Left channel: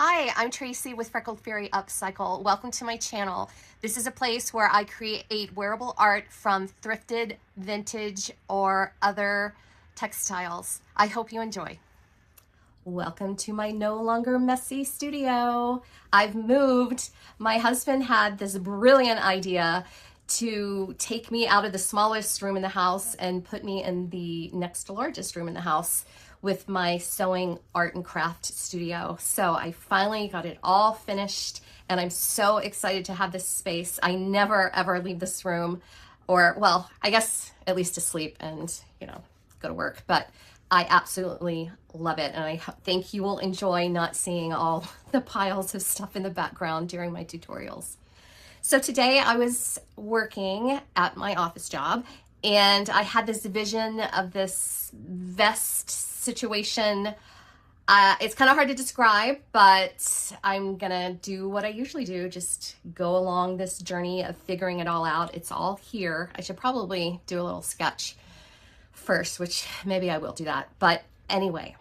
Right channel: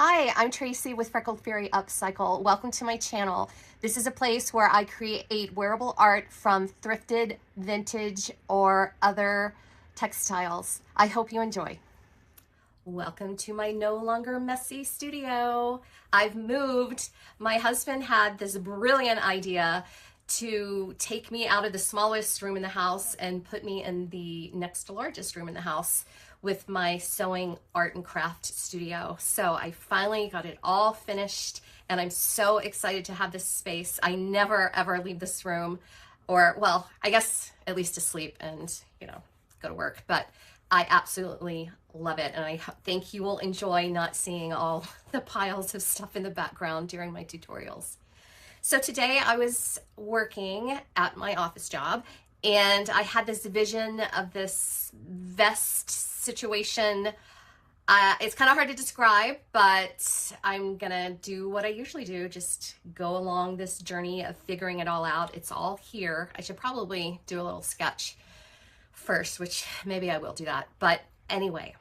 Hi, I'm Tracy with Freckled Fairy Upcycle. Welcome to my channel. This is a place where I create wearable art from thrifted, vintage, or other textiles. I hope you enjoy. Welcome to my no longer messy studio. I've moved. My husband had this brilliant idea to take me out of the smallest room in the house and put me in the next to largest room in the house with my sewing art and craft studio. So I finally got it all finished and I'm so excited to have this space. I never ever leave this room, or well, I guess at least to sleep and, go to work, but I absolutely love it. And I think you will enjoy not seeing all the piles of stuff in the background during my tutorials. So today I was working at my office job and I had this vision of this vest situation. It's kind of hard to describe, but I'm gonna do what I usually do, just go along this journey of figuring it all out. It's all here. I should probably do a little sketch first, which maybe I will do that. But anyway,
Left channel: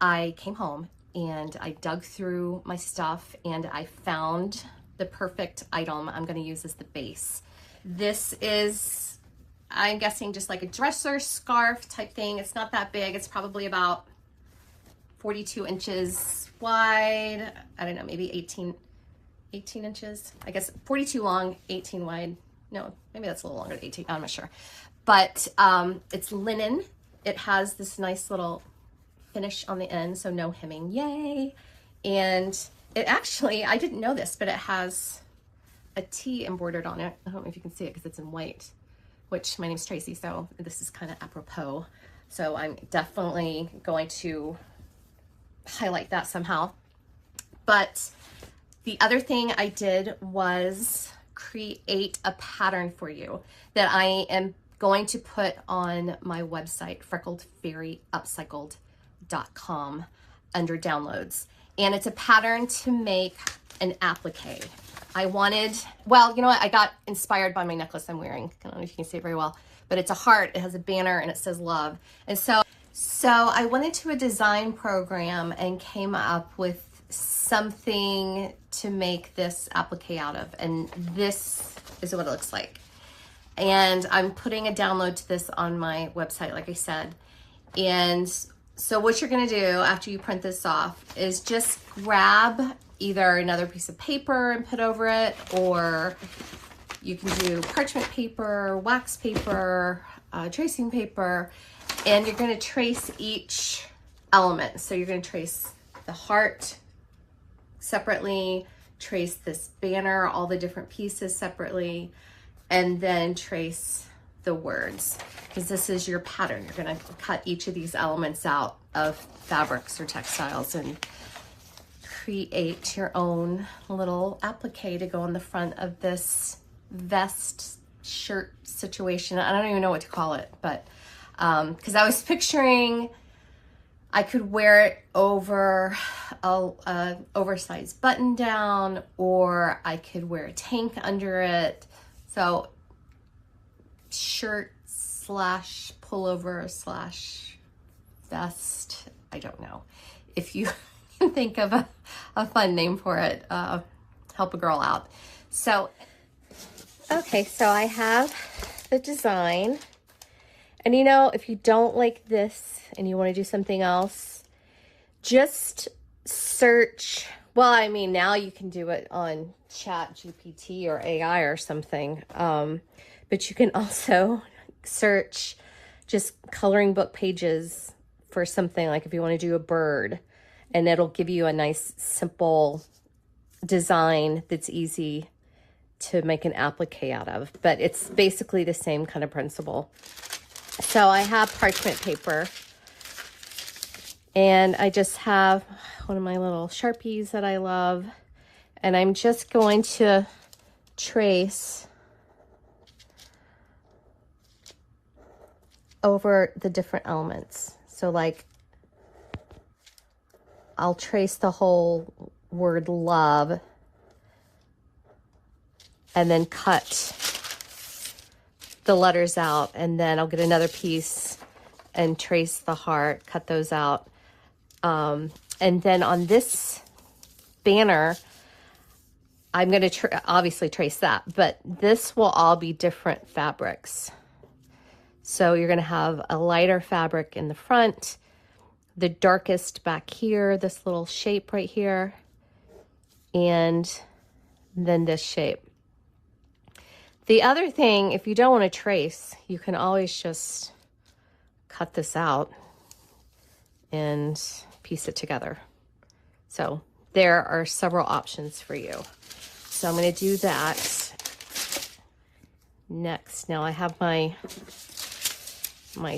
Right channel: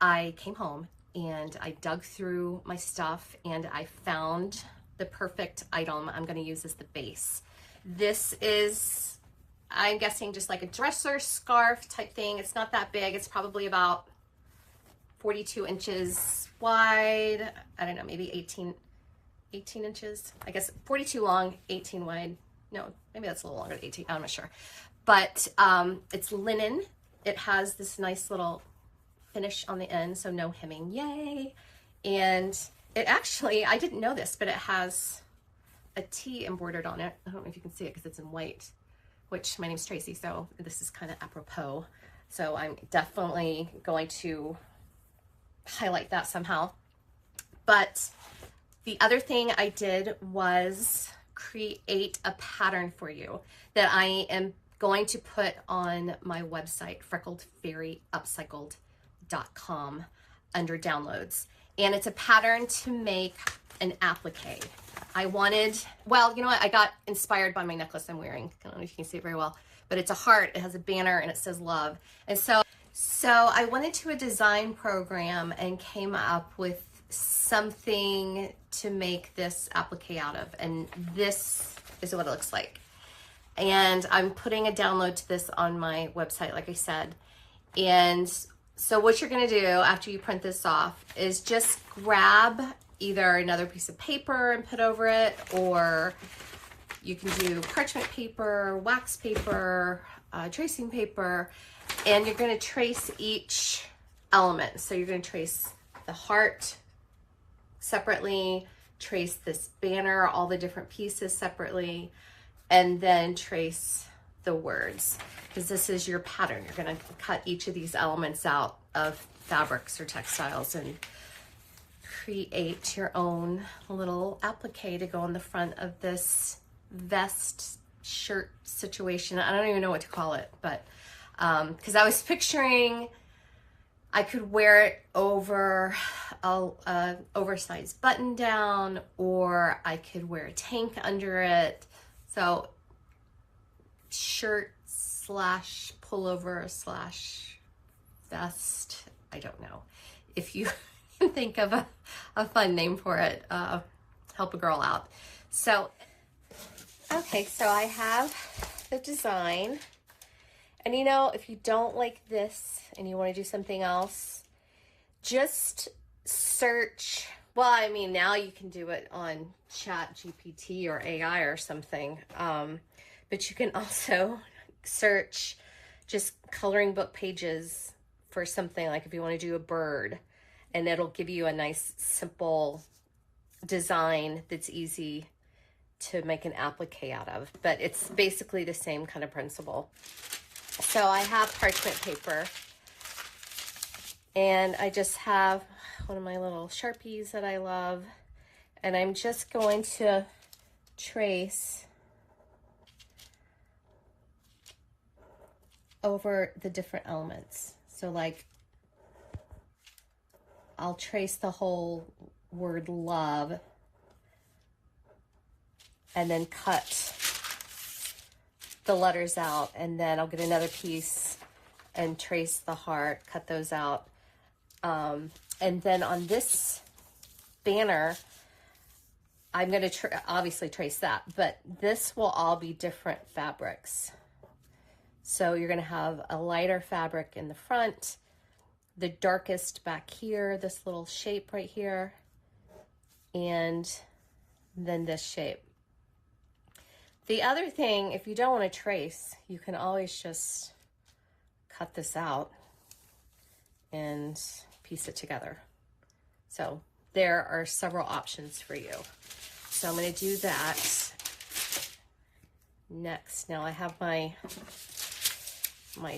I came home and I dug through my stuff and I found the perfect item I'm gonna use as the base. This is, I'm guessing, just like a dresser scarf type thing. It's not that big. It's probably about 42 inches wide. I don't know, maybe 18 inches. I guess 42 long, 18 wide. No, maybe that's a little longer than 18. I'm not sure. But it's linen. It has this nice little finish on the end, so no hemming, yay. And it actually, I didn't know this, but it has a T embroidered on it. I don't know if you can see it because it's in white, which my name's Tracy, so this is kind of apropos. So I'm definitely going to highlight that somehow. But the other thing I did was create a pattern for you that I am going to put on my website, freckledfairyupcycled.com, under downloads. And it's a pattern to make an applique. I wanted, well, you know what? I got inspired by my necklace I'm wearing. I don't know if you can see it very well, but it's a heart. It has a banner and it says love. And so I went into a design program and came up with something to make this applique out of. And this is what it looks like. And I'm putting a download to this on my website, like I said. And so what you're gonna do after you print this off is just grab either another piece of paper and put over it, or you can do parchment paper, wax paper, tracing paper, and you're gonna trace each element. So you're gonna trace the heart separately, trace this banner, all the different pieces separately, and then trace the words, because this is your pattern. You're gonna cut each of these elements out of fabrics or textiles and create your own little applique to go on the front of this vest shirt situation. I don't even know what to call it, but because I was picturing I could wear it over a oversized button down, or I could wear a tank under it. So shirt slash pullover slash vest. I don't know. If you can think of a fun name for it, help a girl out. So, okay, so I have the design. And if you don't like this and you want to do something else, just search. Well, I mean, now you can do it on Chat GPT or AI or something. But you can also search just coloring book pages for something, like if you want to do a bird, and it'll give you a nice simple design that's easy to make an applique out of. But it's basically the same kind of principle. So I have parchment paper, and I just have one of my little Sharpies that I love, and I'm just going to trace over the different elements. So like, I'll trace the whole word love and then cut the letters out, and then I'll get another piece and trace the heart, cut those out. And then on this banner, I'm going to obviously trace that, but this will all be different fabrics. So you're going to have a lighter fabric in the front, the darkest back here, this little shape right here, and then this shape. The other thing, if you don't want to trace, you can always just cut this out and piece it together. So there are several options for you. So I'm going to do that next. Now I have my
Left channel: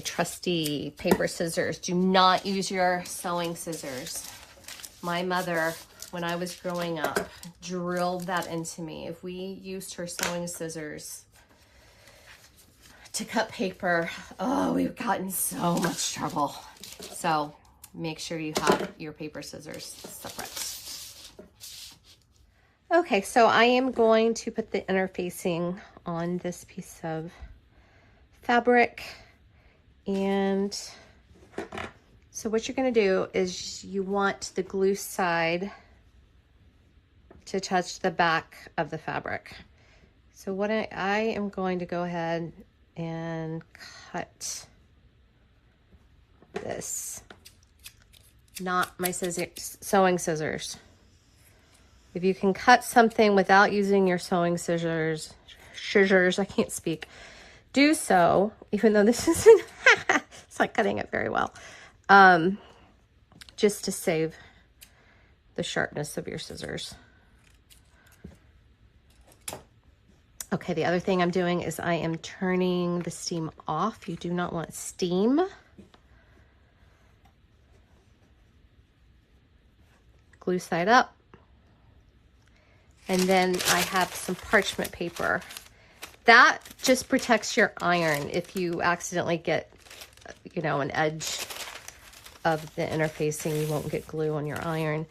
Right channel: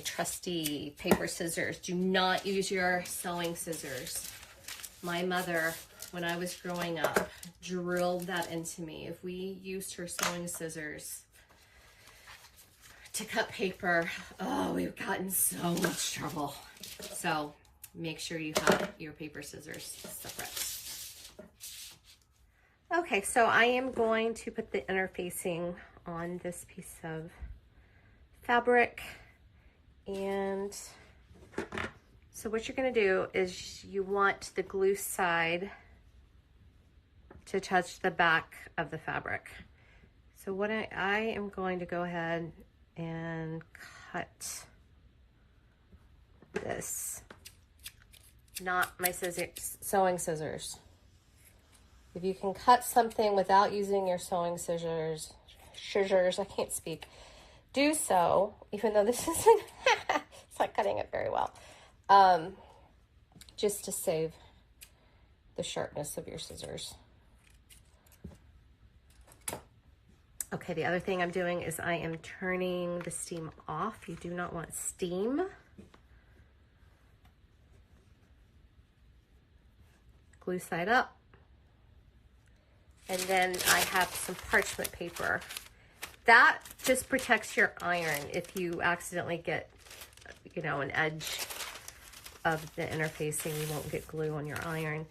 trusty paper scissors. Do not use your sewing scissors. My mother, when I was growing up, drilled that into me. If we used her sewing scissors to cut paper, oh, we've gotten so much trouble. So make sure you have your paper scissors separate. Okay, so I am going to put the interfacing on this piece of fabric. And so what you're going to do is you want the glue side to touch the back of the fabric. So what I am going to go ahead and cut this, not my sewing scissors. If you can cut something without using your sewing scissors, I can't speak, do so, even though this isn't, it's not cutting it very well, just to save the sharpness of your scissors. Okay, the other thing I'm doing is I am turning the steam off. You do not want steam. Glue side up. And then I have some parchment paper. That just protects your iron if you accidentally get, you know, an edge of the interfacing. You won't get glue on your iron.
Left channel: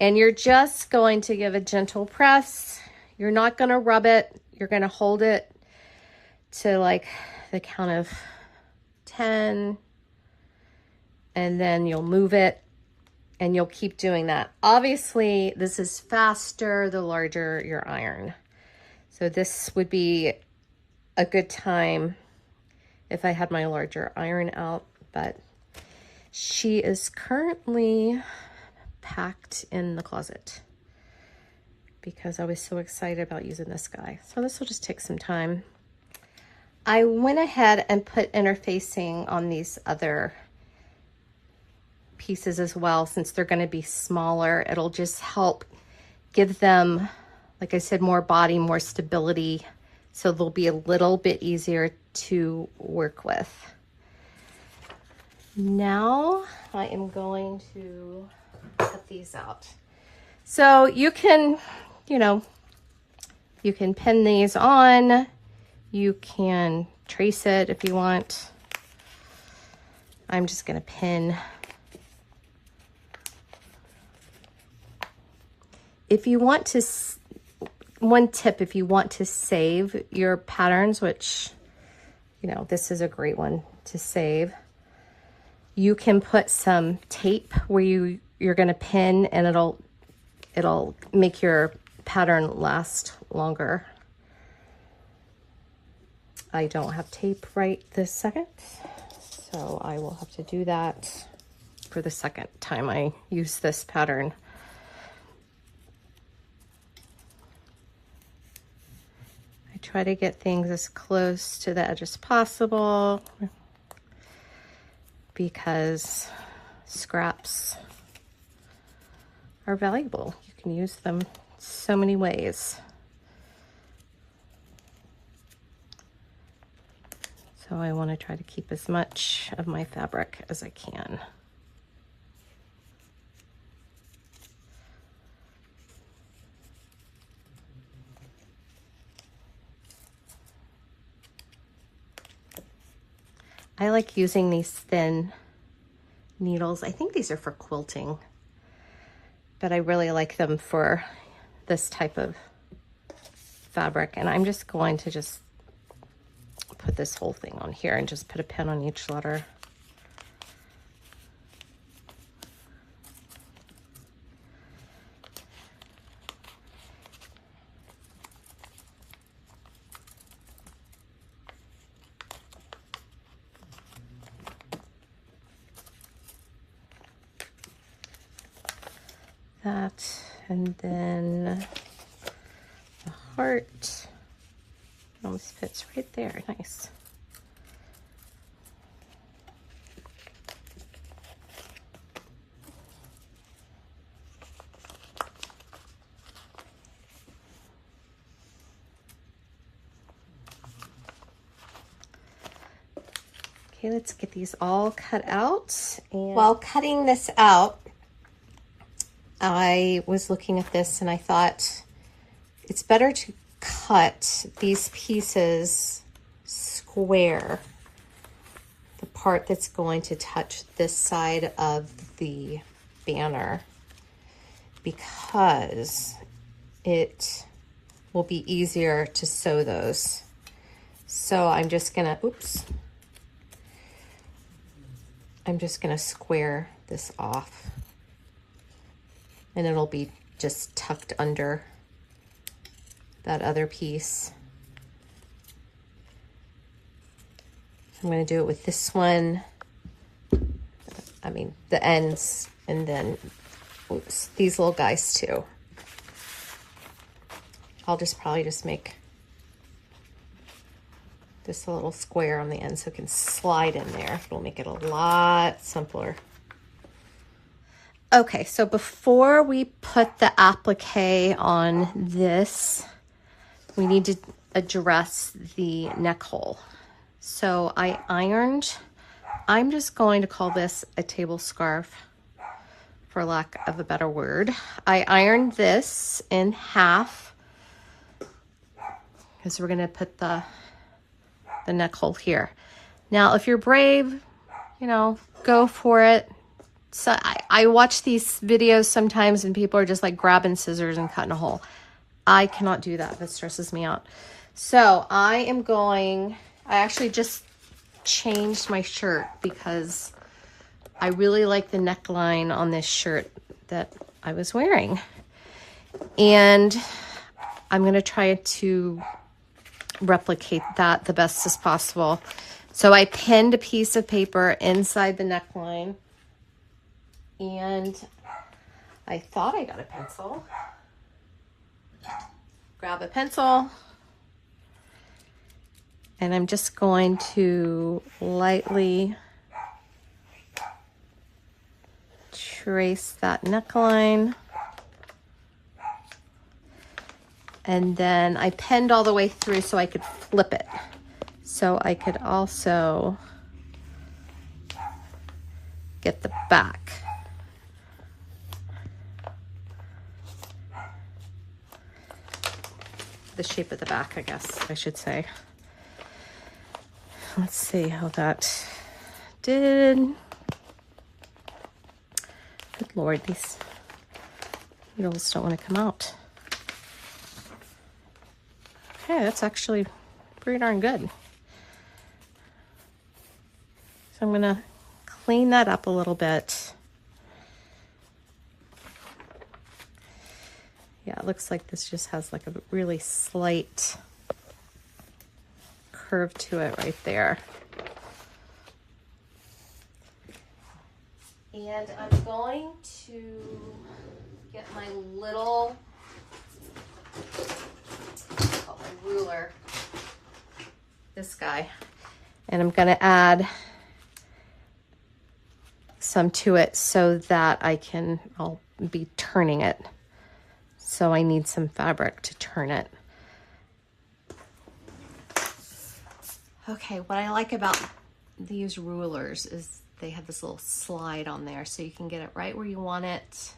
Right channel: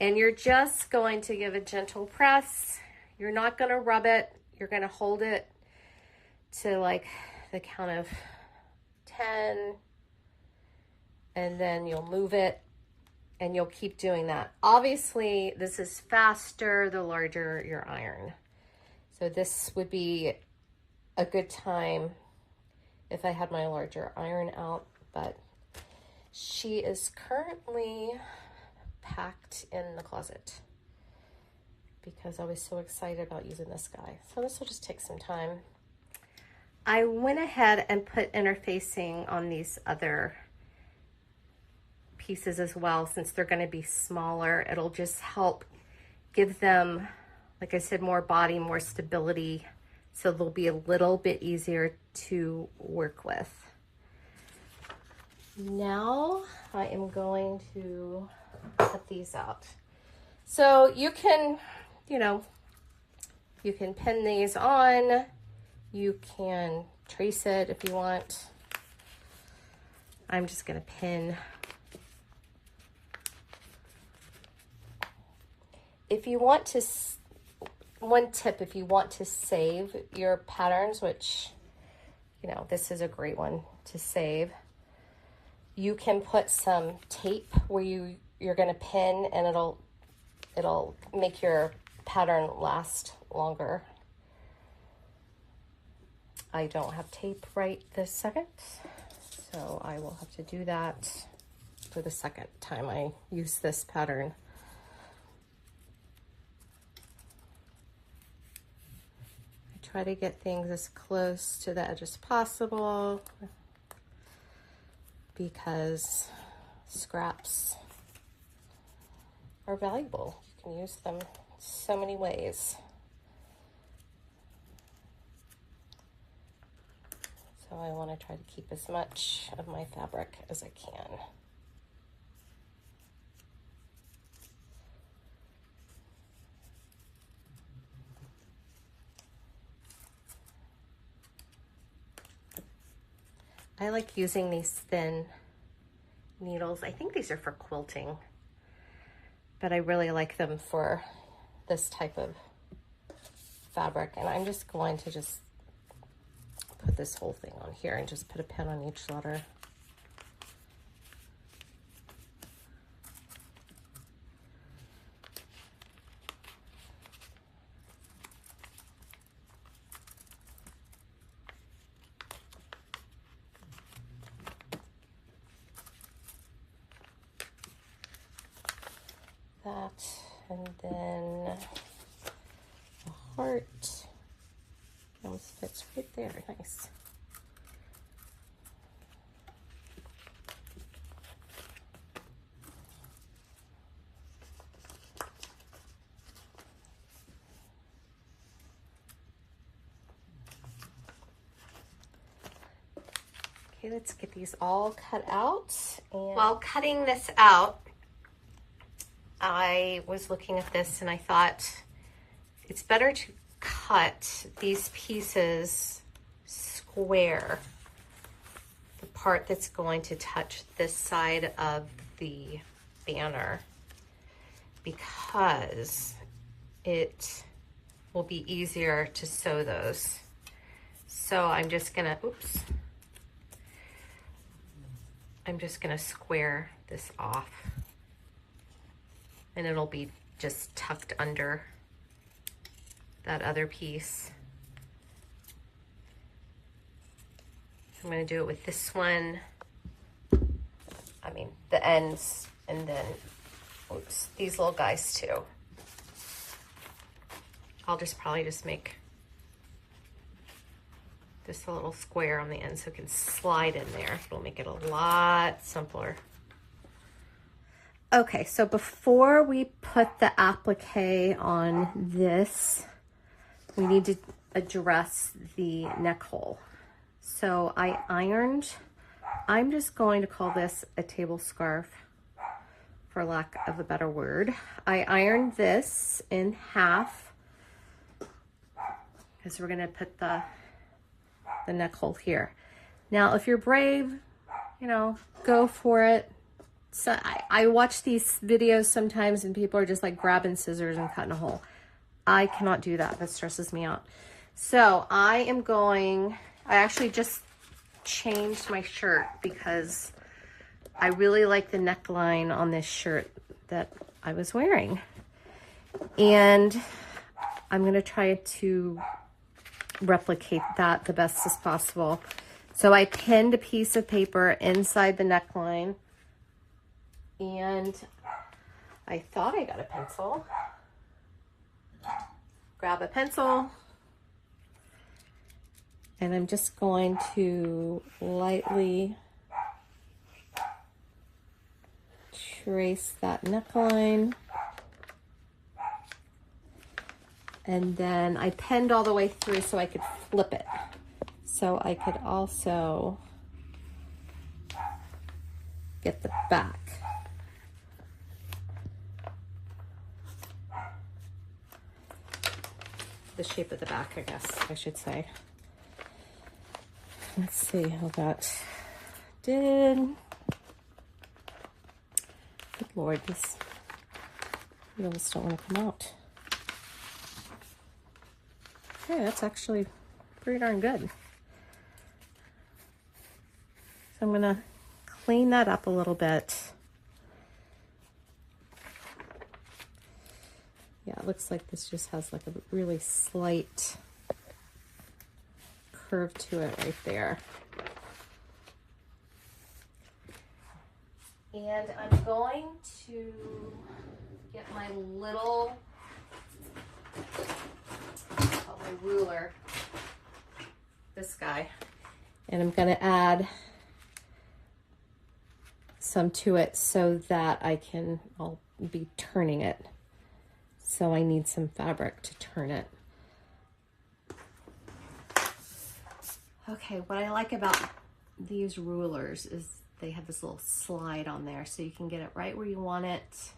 And you're just going to give a gentle press. You're not going to rub it. You're going to hold it to like the count of 10. And then you'll move it. And you'll keep doing that. Obviously, this is faster the larger your iron. So this would be a good time if I had my larger iron out, but she is currently packed in the closet because I was so excited about using this guy. So this will just take some time. I went ahead and put interfacing on these other pieces as well, since they're going to be smaller. It'll just help give them, like I said, more body, more stability, so they'll be a little bit easier to work with. Now I am going to cut these out. So you can, you know, you can pin these on, you can trace it if you want. I'm just going to pin. If you want to, one tip, if you want to save your patterns, which, you know, this is a great one to save, you can put some tape where you're going to pin, and it'll make your pattern last longer. I don't have tape right this second, so I will have to do that for the second time I use this pattern. Try to get things as close to the edge as possible because scraps are valuable. You can use them so many ways. So I want to try to keep as much of my fabric as I can. I like using these thin needles. I think these are for quilting, but I really like them for this type of fabric. And I'm just going to just put this whole thing on here and just put a pin on each letter. that, and then the heart almost fits right there. Nice. Okay, let's get these all cut out. And while cutting this out, I was looking at this and I thought it's better to cut these pieces square, the part that's going to touch this side of the banner, because it will be easier to sew those. So I'm just gonna, oops, I'm just gonna square this off, and it'll be just tucked under that other piece. I'm gonna do it with this one, I mean the ends, and then oops, these little guys too. I'll just probably just make this a little square on the end so it can slide in there. It'll make it a lot simpler. Okay, so before we put the applique on this, we need to address the neck hole. So I ironed, I'm just going to call this a table scarf for lack of a better word. I ironed this in half because we're gonna put the neck hole here. Now, if you're brave, you know, go for it. So I watch these videos sometimes and people are just like grabbing scissors and cutting a hole. I cannot do that. That stresses me out. So I actually just changed my shirt because I really like the neckline on this shirt that I was wearing. And I'm going to try to replicate that the best as possible. So I pinned a piece of paper inside the neckline, and I thought I got a pencil. Grab a pencil, and I'm just going to lightly trace that neckline. And then I pinned all the way through so I could flip it. So I could also get the back. The shape of the back, I guess I should say. Let's see how that did. Good Lord, these needles don't want to come out. Yeah, that's actually pretty darn good. So I'm gonna clean that up a little bit. Yeah, it looks like this just has like a really slight curve to it right there. And I'm going to get my little ruler, this guy, and I'm going to add some to it so that I'll be turning it. So I need some fabric to turn it. Okay, what I like about these rulers is they have this little slide on there so you can get it right where you want it,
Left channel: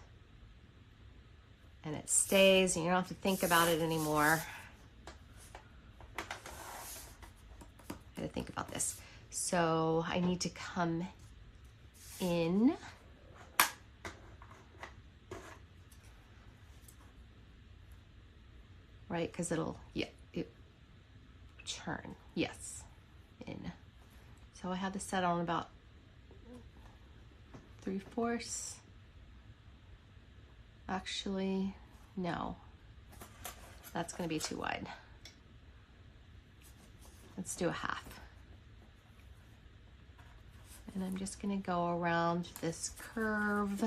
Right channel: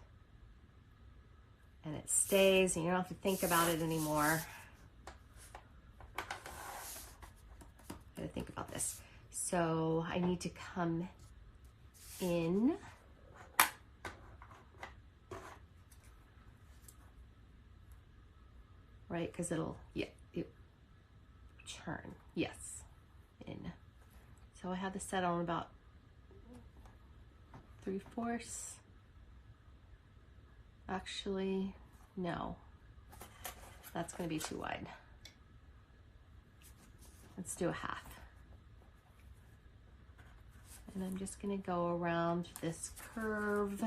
and it stays and you don't have to think about it anymore. I gotta think about this. So I need to come in. Right, because it'll, yeah, it turn, yes, in. So I had this set on about 3/4. Actually, no, that's gonna be too wide. Let's do a half. And I'm just gonna go around this curve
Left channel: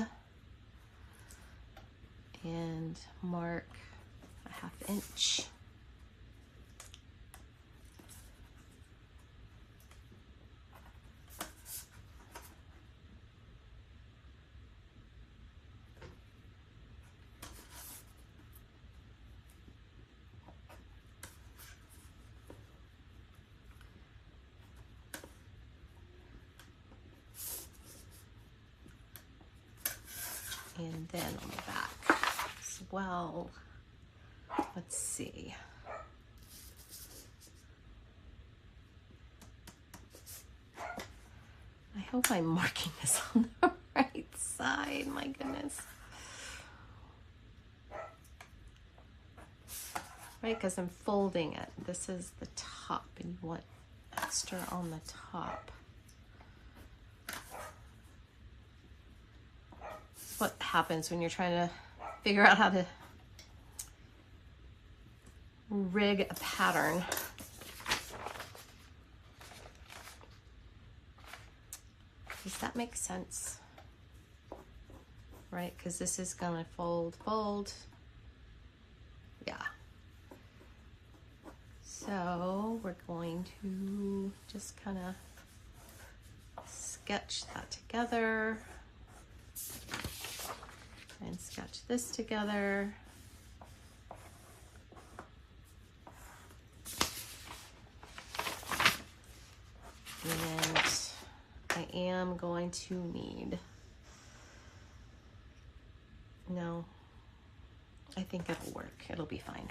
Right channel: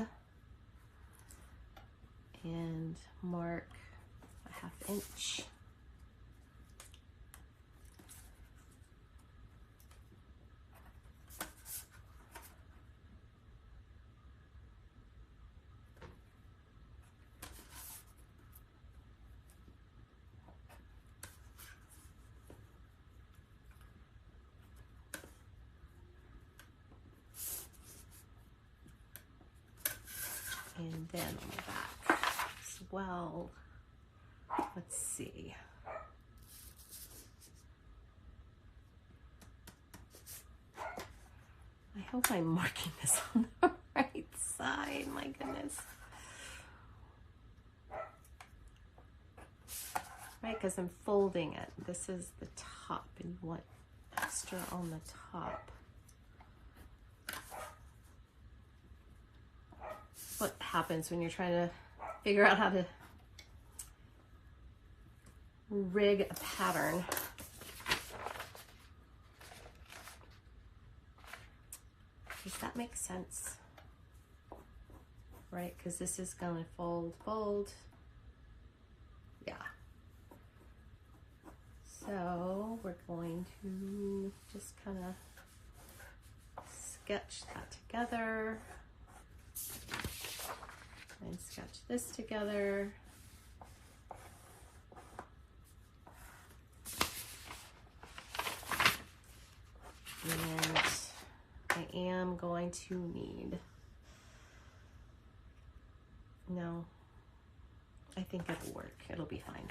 and mark a 1/2 inch. And then on the back as well, let's see. I hope I'm marking this on the right side, my goodness. Right, because I'm folding it. This is the top and you want extra on the top. What happens when you're trying to figure out how to rig a pattern. Does that make sense? Right, because this is gonna fold, fold. Yeah. So we're going to just kind of sketch that together. And sketch this together. And I am going to need, no, I think it'll work. It'll be fine.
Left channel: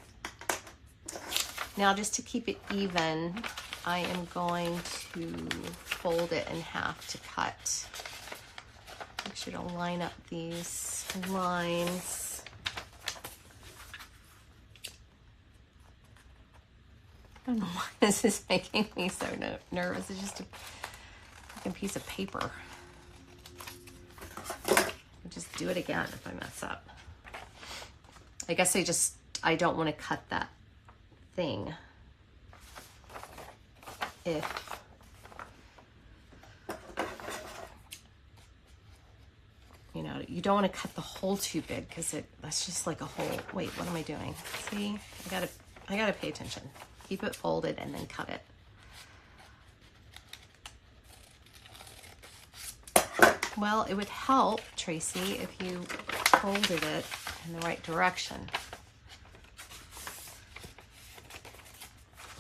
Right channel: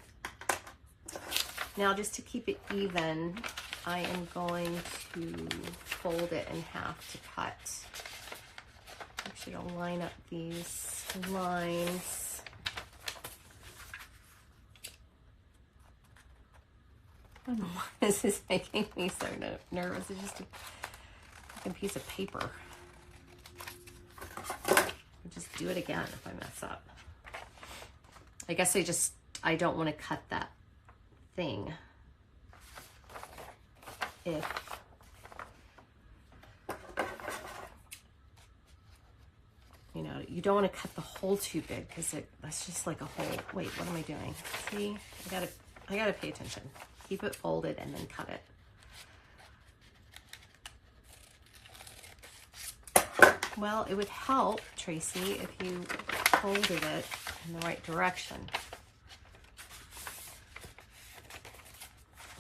Now, just to keep it even, I am going to fold it in half to cut. Make sure to line up these lines. I don't know why this is making me so nervous. It's just a fucking piece of paper. I'll just do it again if I mess up. I guess I don't want to cut that thing. If you know, you don't want to cut the hole too big because that's just like a hole. Wait, what am I doing? See, I gotta pay attention. Keep it folded and then cut it. Well, it would help, Tracy, if you folded it in the right direction.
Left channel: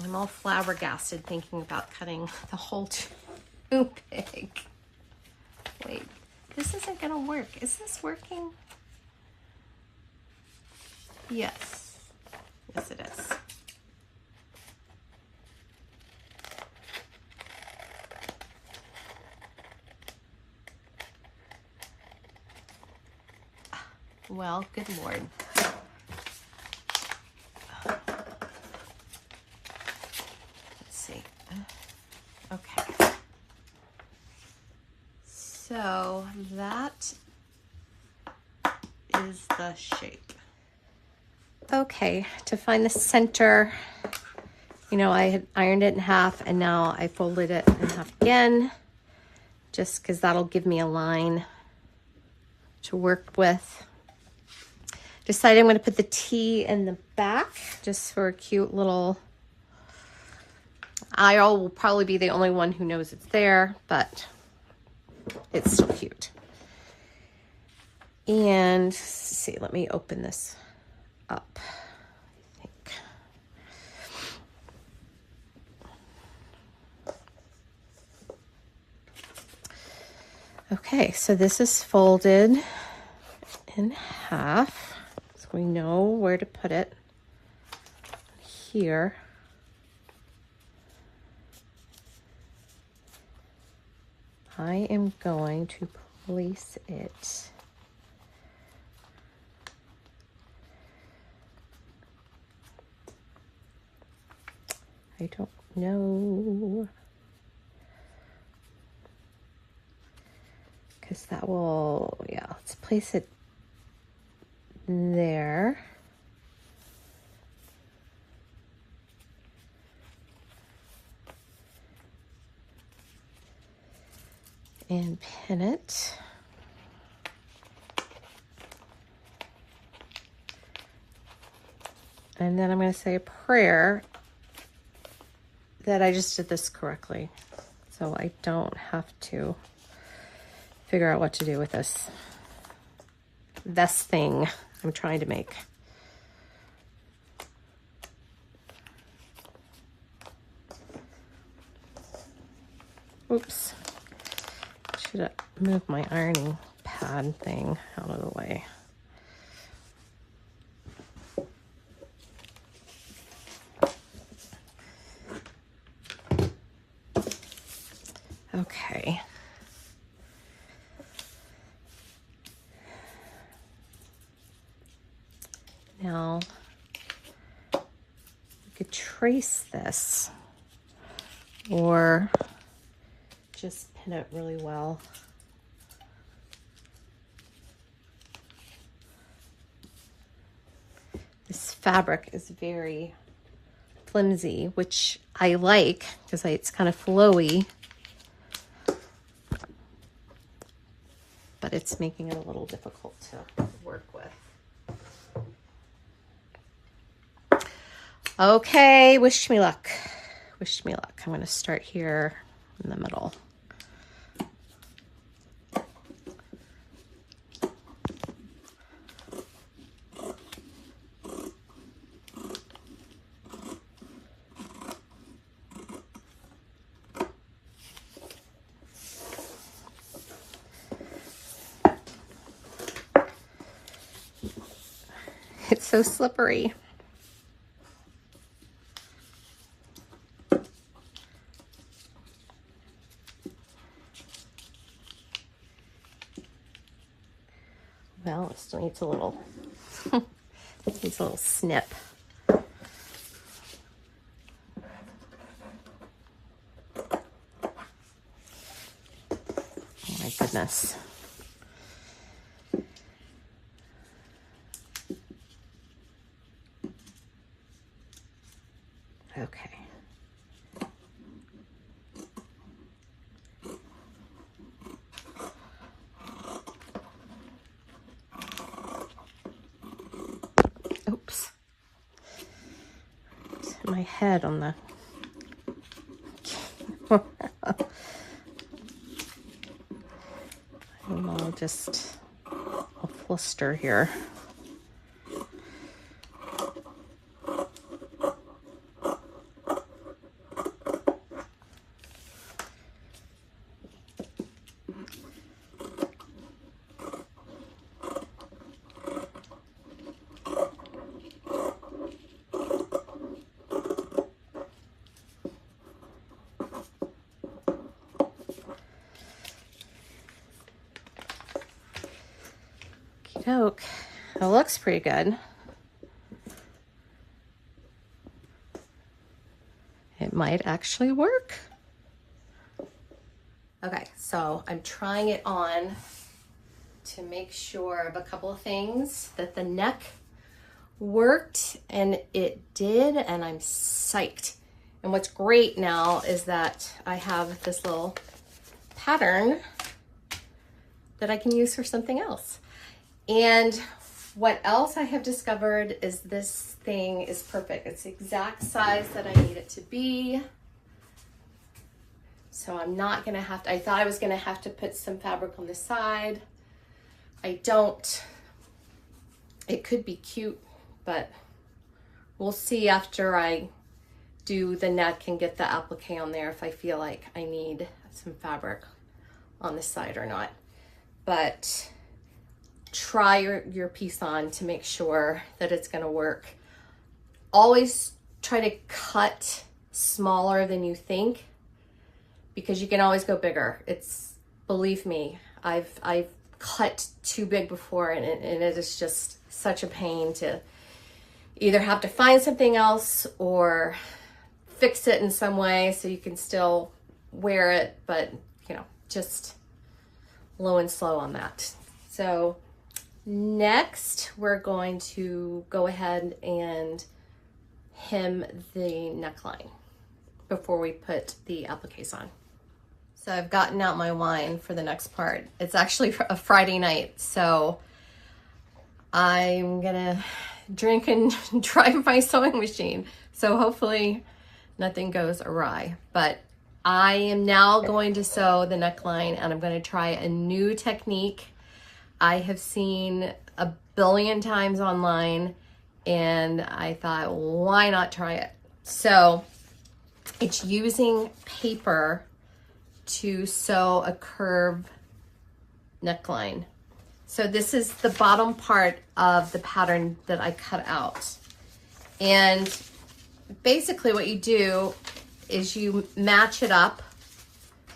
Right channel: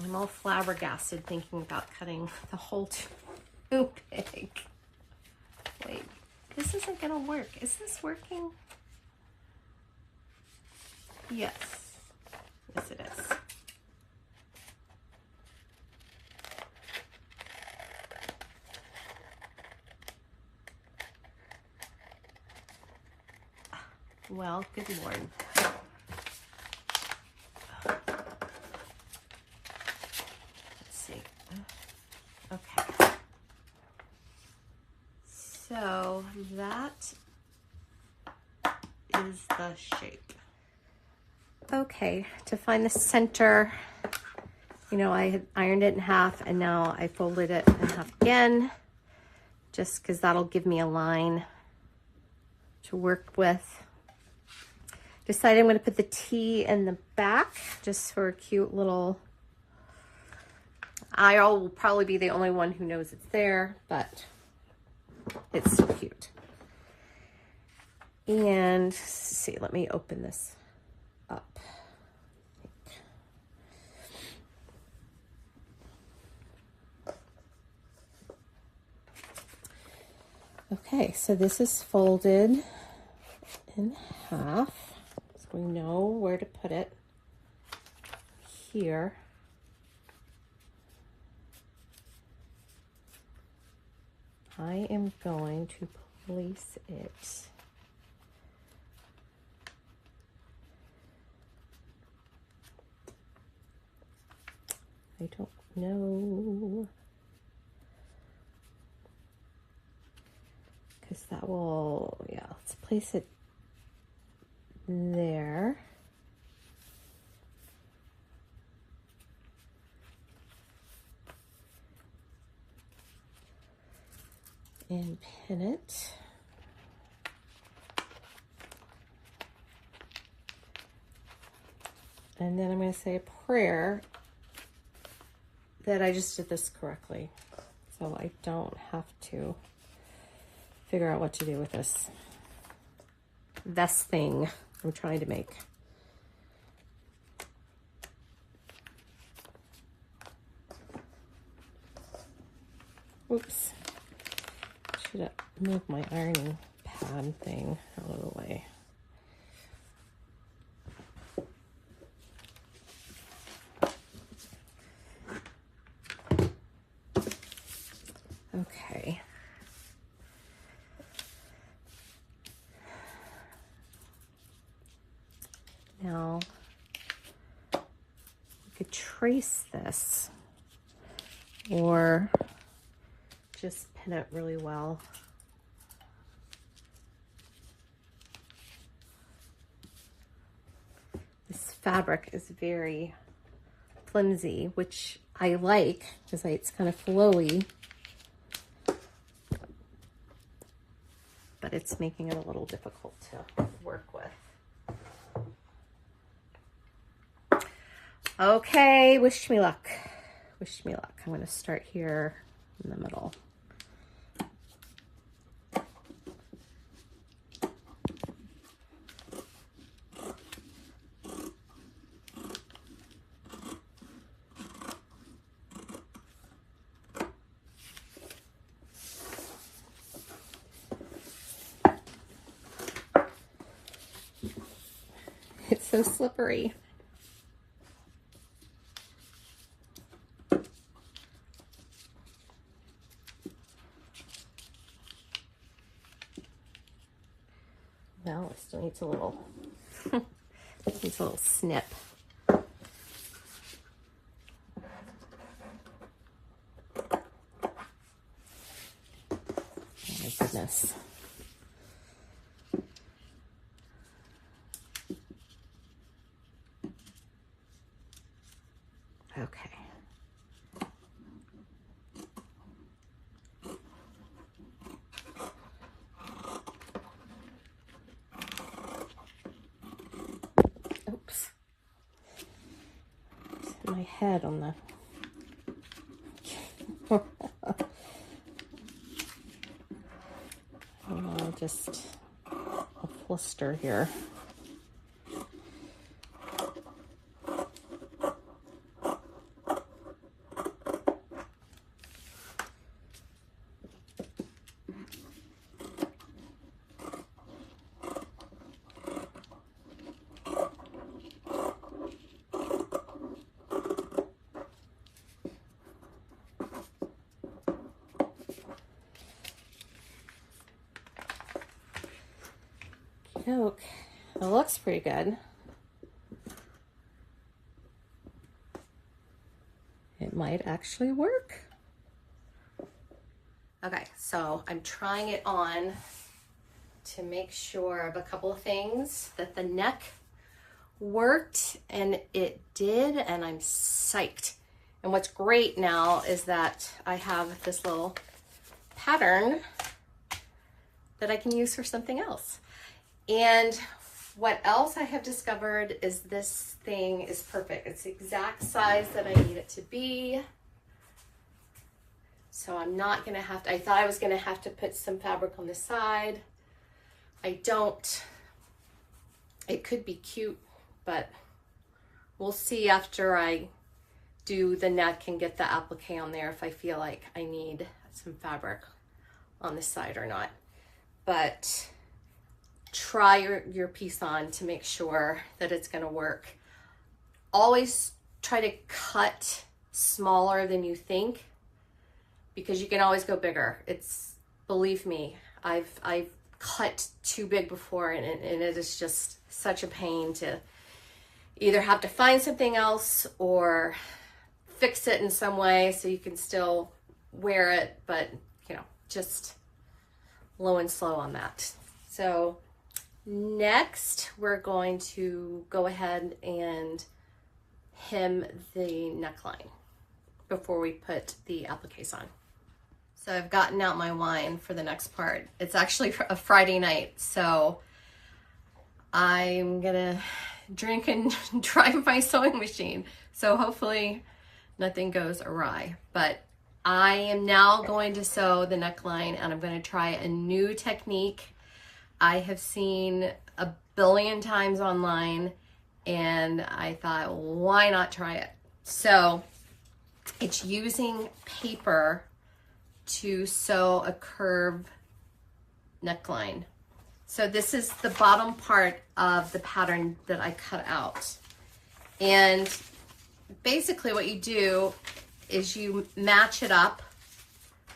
I'm all flabbergasted thinking about cutting the hole too big. Wait, this isn't gonna work. Is this working? Yes. Yes, it is. Well, good Lord. Let's see. Okay. So that is the shape. Okay, to find the center, you know, I had ironed it in half and now I folded it in half again, just because that'll give me a line to work with. Decided I'm going to put the T in the back just for a cute little, I will probably be the only one who knows it's there, but it's still cute. And let's see, let me open this up. I think. Okay, so this is folded in half. We know where to put it here. I am going to place it I don't know, because that will, yeah, let's place it there. And pin it. And then I'm going to say a prayer that I just did this correctly, so I don't have to figure out what to do with this thing I'm trying to make. Oops. Should have moved my ironing pad thing out of the way. Okay. Now, you could trace this or just pin it really well. This fabric is very flimsy, which I like because it's kind of flowy, but it's making it a little difficult to work with. Okay, wish me luck. Wish me luck. I'm going to start here in the middle. It's so slippery. Well, it still needs a little, it needs a little snip. Oh my goodness. Okay. Oops. Hit my head on the I'll just a fluster here. Okey-doke. It looks pretty good. It might actually work. Okay, so I'm trying it on to make sure of a couple of things, that the neck worked, and it did, and I'm psyched. And what's great now is that I have this little pattern that I can use for something else. And what else I have discovered is this thing is perfect. It's the exact size that I need it to be. So I'm not gonna have to, I thought I was gonna have to put some fabric on the side. I don't. It could be cute, but we'll see after I do the neck and get the applique on there if I feel like I need some fabric on the side or not. But try your piece on to make sure that it's gonna work. Always try to cut smaller than you think, because you can always go bigger. It's, believe me, I've cut too big before, and it is just such a pain to either have to find something else or fix it in some way so you can still wear it, but you know, just low and slow on that. So next we're going to go ahead and hem the neckline before we put the appliques on. So I've gotten out my wine for the next part. It's actually a Friday night, so I'm gonna drink and drive my sewing machine. So hopefully nothing goes awry. But I am now going to sew the neckline, and I'm going to try a new technique I have seen a billion times online, and I thought, why not try it? So it's using paper to sew a curved neckline. So this is the bottom part of the pattern that I cut out. And basically what you do is you match it up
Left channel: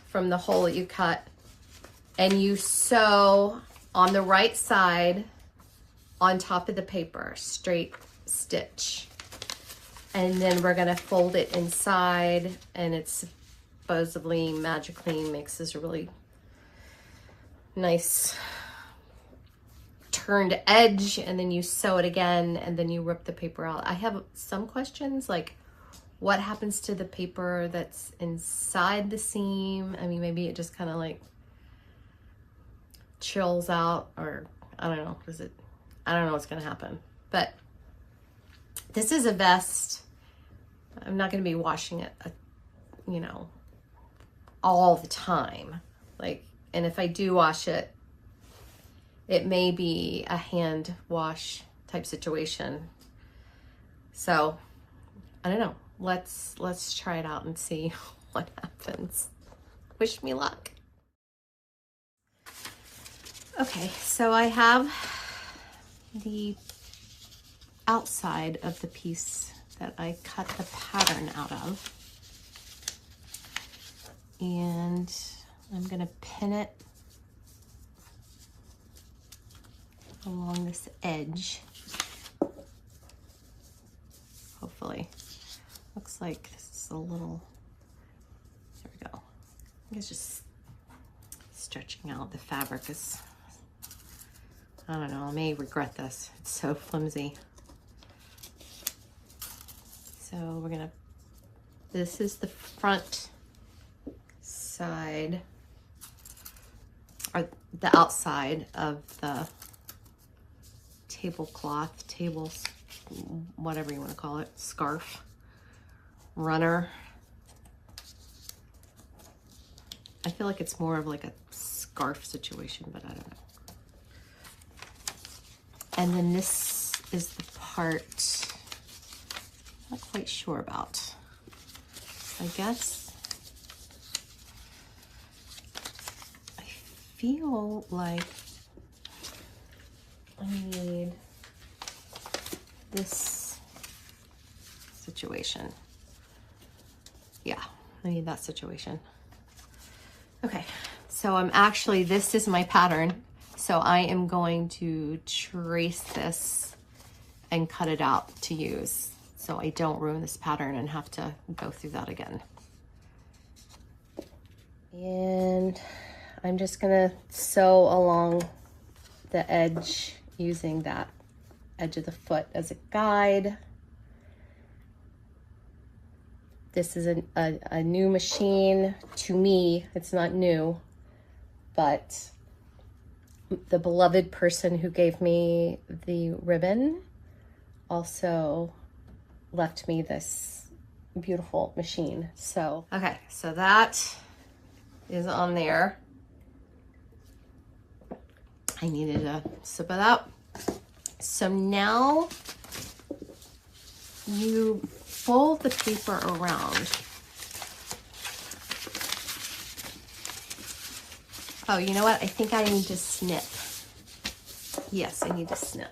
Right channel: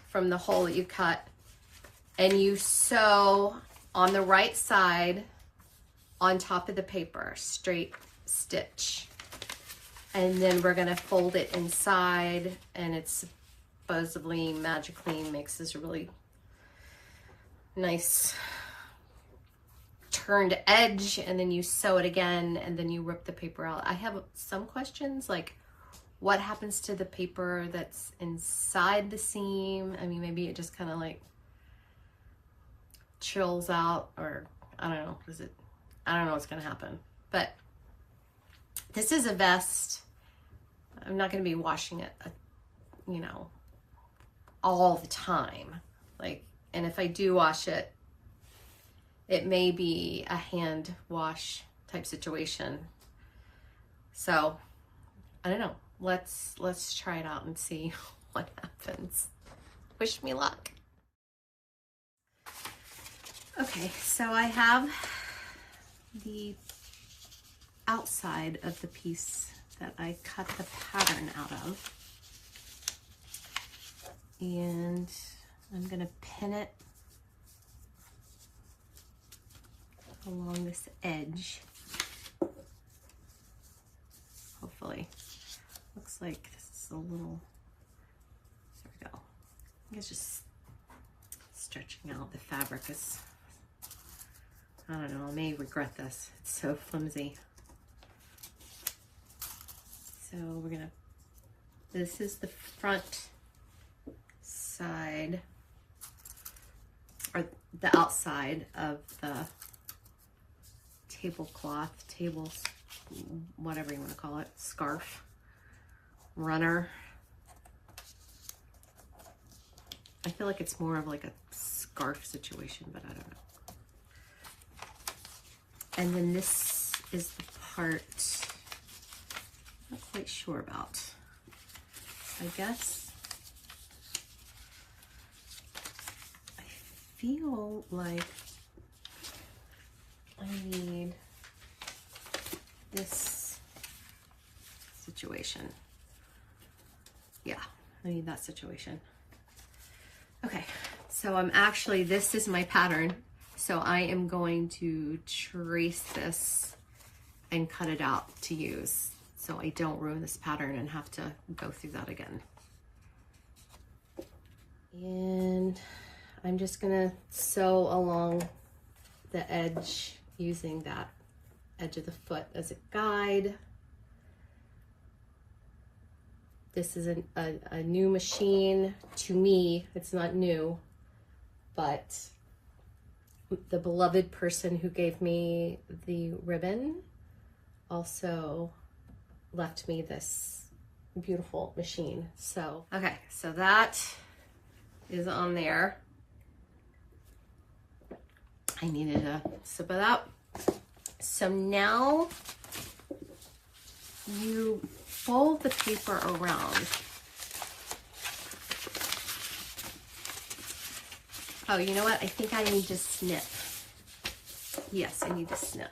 from the hole that you cut, and you sew on the right side on top of the paper, straight stitch. And then we're gonna fold it inside, and it supposedly magically makes this really nice turned edge, and then you sew it again, and then you rip the paper out. I have some questions, like what happens to the paper that's inside the seam? I mean, maybe it just kind of like chills out, or I don't know, I don't know what's gonna happen. But this is a vest. I'm not gonna be washing it, you know, all the time. Like, and if I do wash it, it may be a hand wash type situation. So I don't know. Let's try it out and see what happens. Wish me luck. Okay, so I have the outside of the piece that I cut the pattern out of, and I'm gonna pin it along this edge. Hopefully. Looks like this is a little, there we go. I think it's just stretching out. The fabric is, I don't know, I may regret this. It's so flimsy. So we're gonna, this is the front side, or the outside of the tablecloth, whatever you want to call it, scarf, runner. I feel like it's more of like a scarf situation, but I don't know. And then this is the part I'm not quite sure about. I guess I feel like I need this situation. Yeah, I need that situation. Okay, so I'm actually, this is my pattern. So I am going to trace this and cut it out to use, so I don't ruin this pattern and have to go through that again. And I'm just gonna sew along the edge using that edge of the foot as a guide. This is a new machine to me. It's not new, but the beloved person who gave me the ribbon also left me this beautiful machine. So, okay, so that is on there. I needed to sip it out. So now you fold the paper around. Oh, you know what? I think I need to snip. Yes, I need to snip.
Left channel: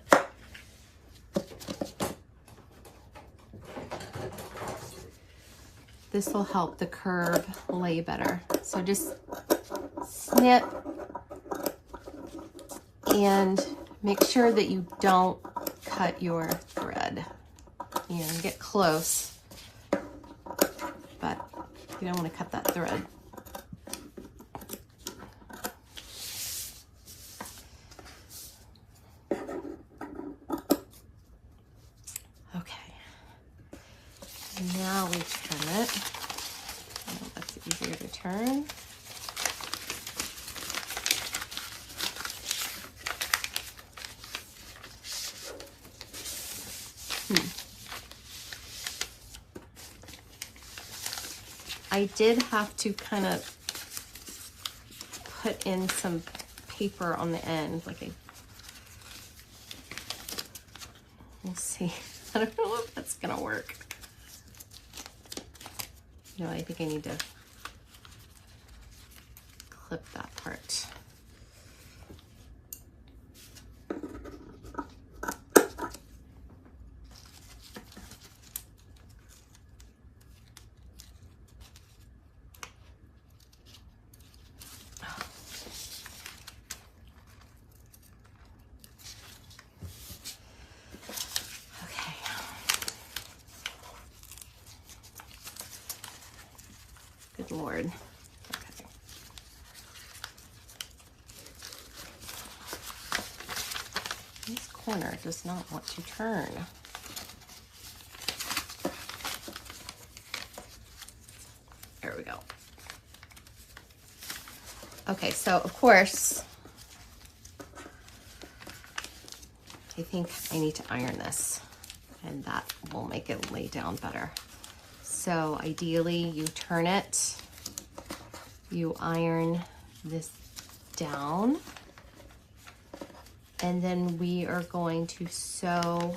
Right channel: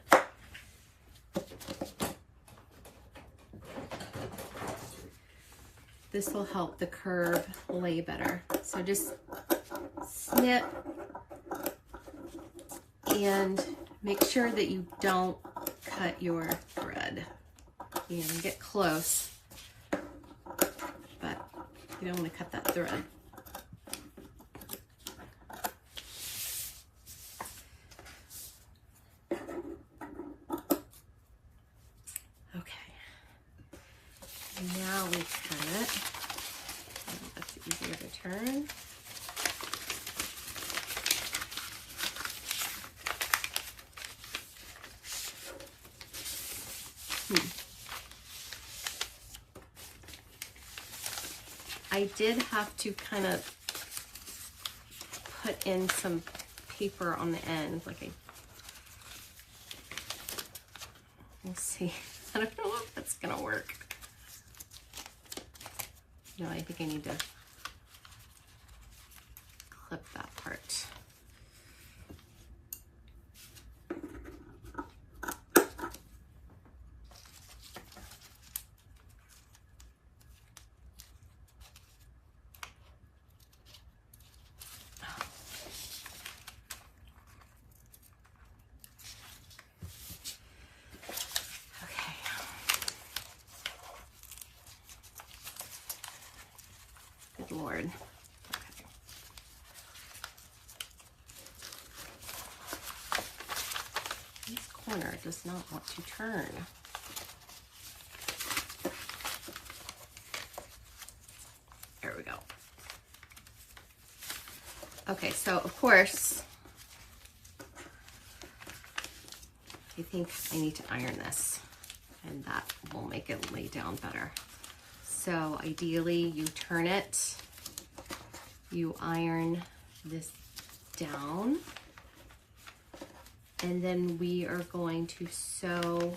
This will help the curve lay better. So just snip and make sure that you don't cut your thread. You know, get close, but you don't want to cut that thread. Okay, now we turn it. Oh, that's easier to turn. I did have to kind of put in some paper on the end, like we'll see. I don't know if that's gonna work. No, I think I need to clip that part. Good Lord. Okay. This corner does not want to turn. There we go. Okay, so of course, I think I need to iron this, and that will make it lay down better. So ideally you turn it, you iron this down, and then we are going to sew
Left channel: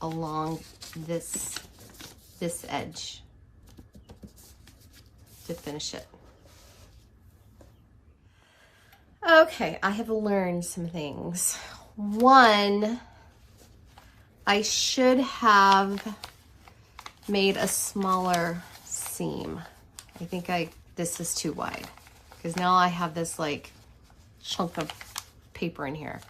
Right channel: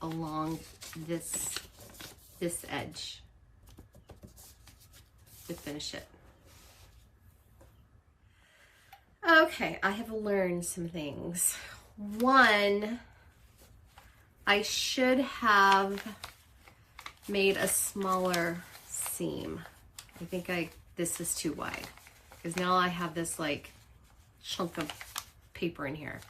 along this edge to finish it. Okay, I have learned some things. One, I should have made a smaller seam. I think this is too wide, because now I have this like chunk of paper in here.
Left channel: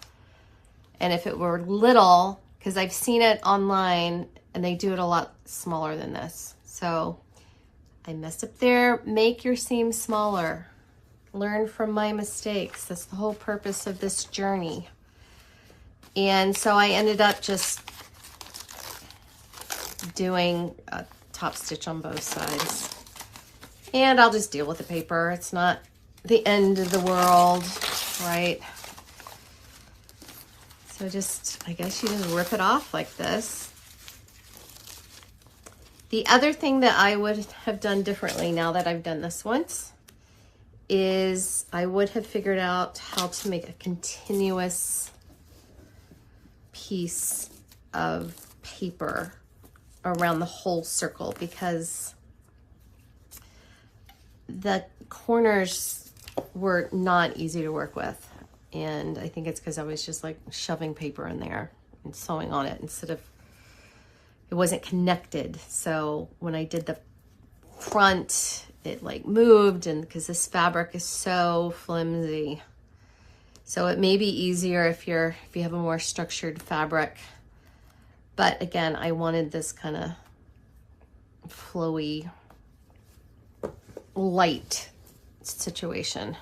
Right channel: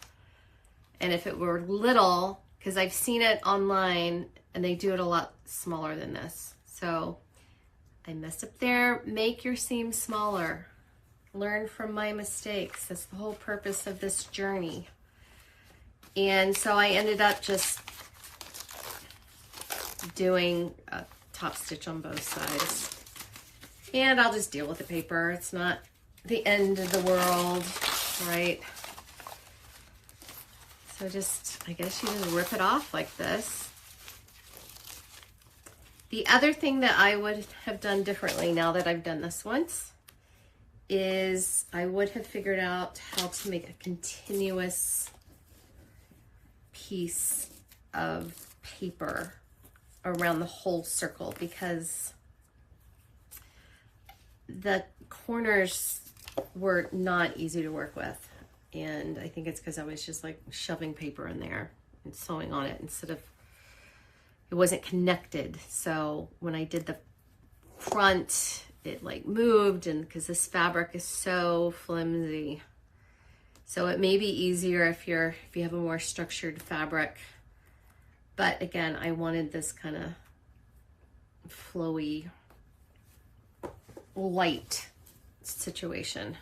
And if it were little, because I've seen it online and they do it a lot smaller than this. So I messed up there. Make your seam smaller. Learn from my mistakes. That's the whole purpose of this journey. And so I ended up just doing a top stitch on both sides. And I'll just deal with the paper. It's not the end of the world, right? So just, I guess you just rip it off like this. The other thing that I would have done differently now that I've done this once is I would have figured out how to make a continuous piece of paper around the whole circle, because the corners were not easy to work with. And I think it's because I was just like shoving paper in there and sewing on it instead of, it wasn't connected. So when I did the front, it like moved, and because this fabric is so flimsy. So it may be easier if you have a more structured fabric. But again, I wanted this kind of flowy, light situation.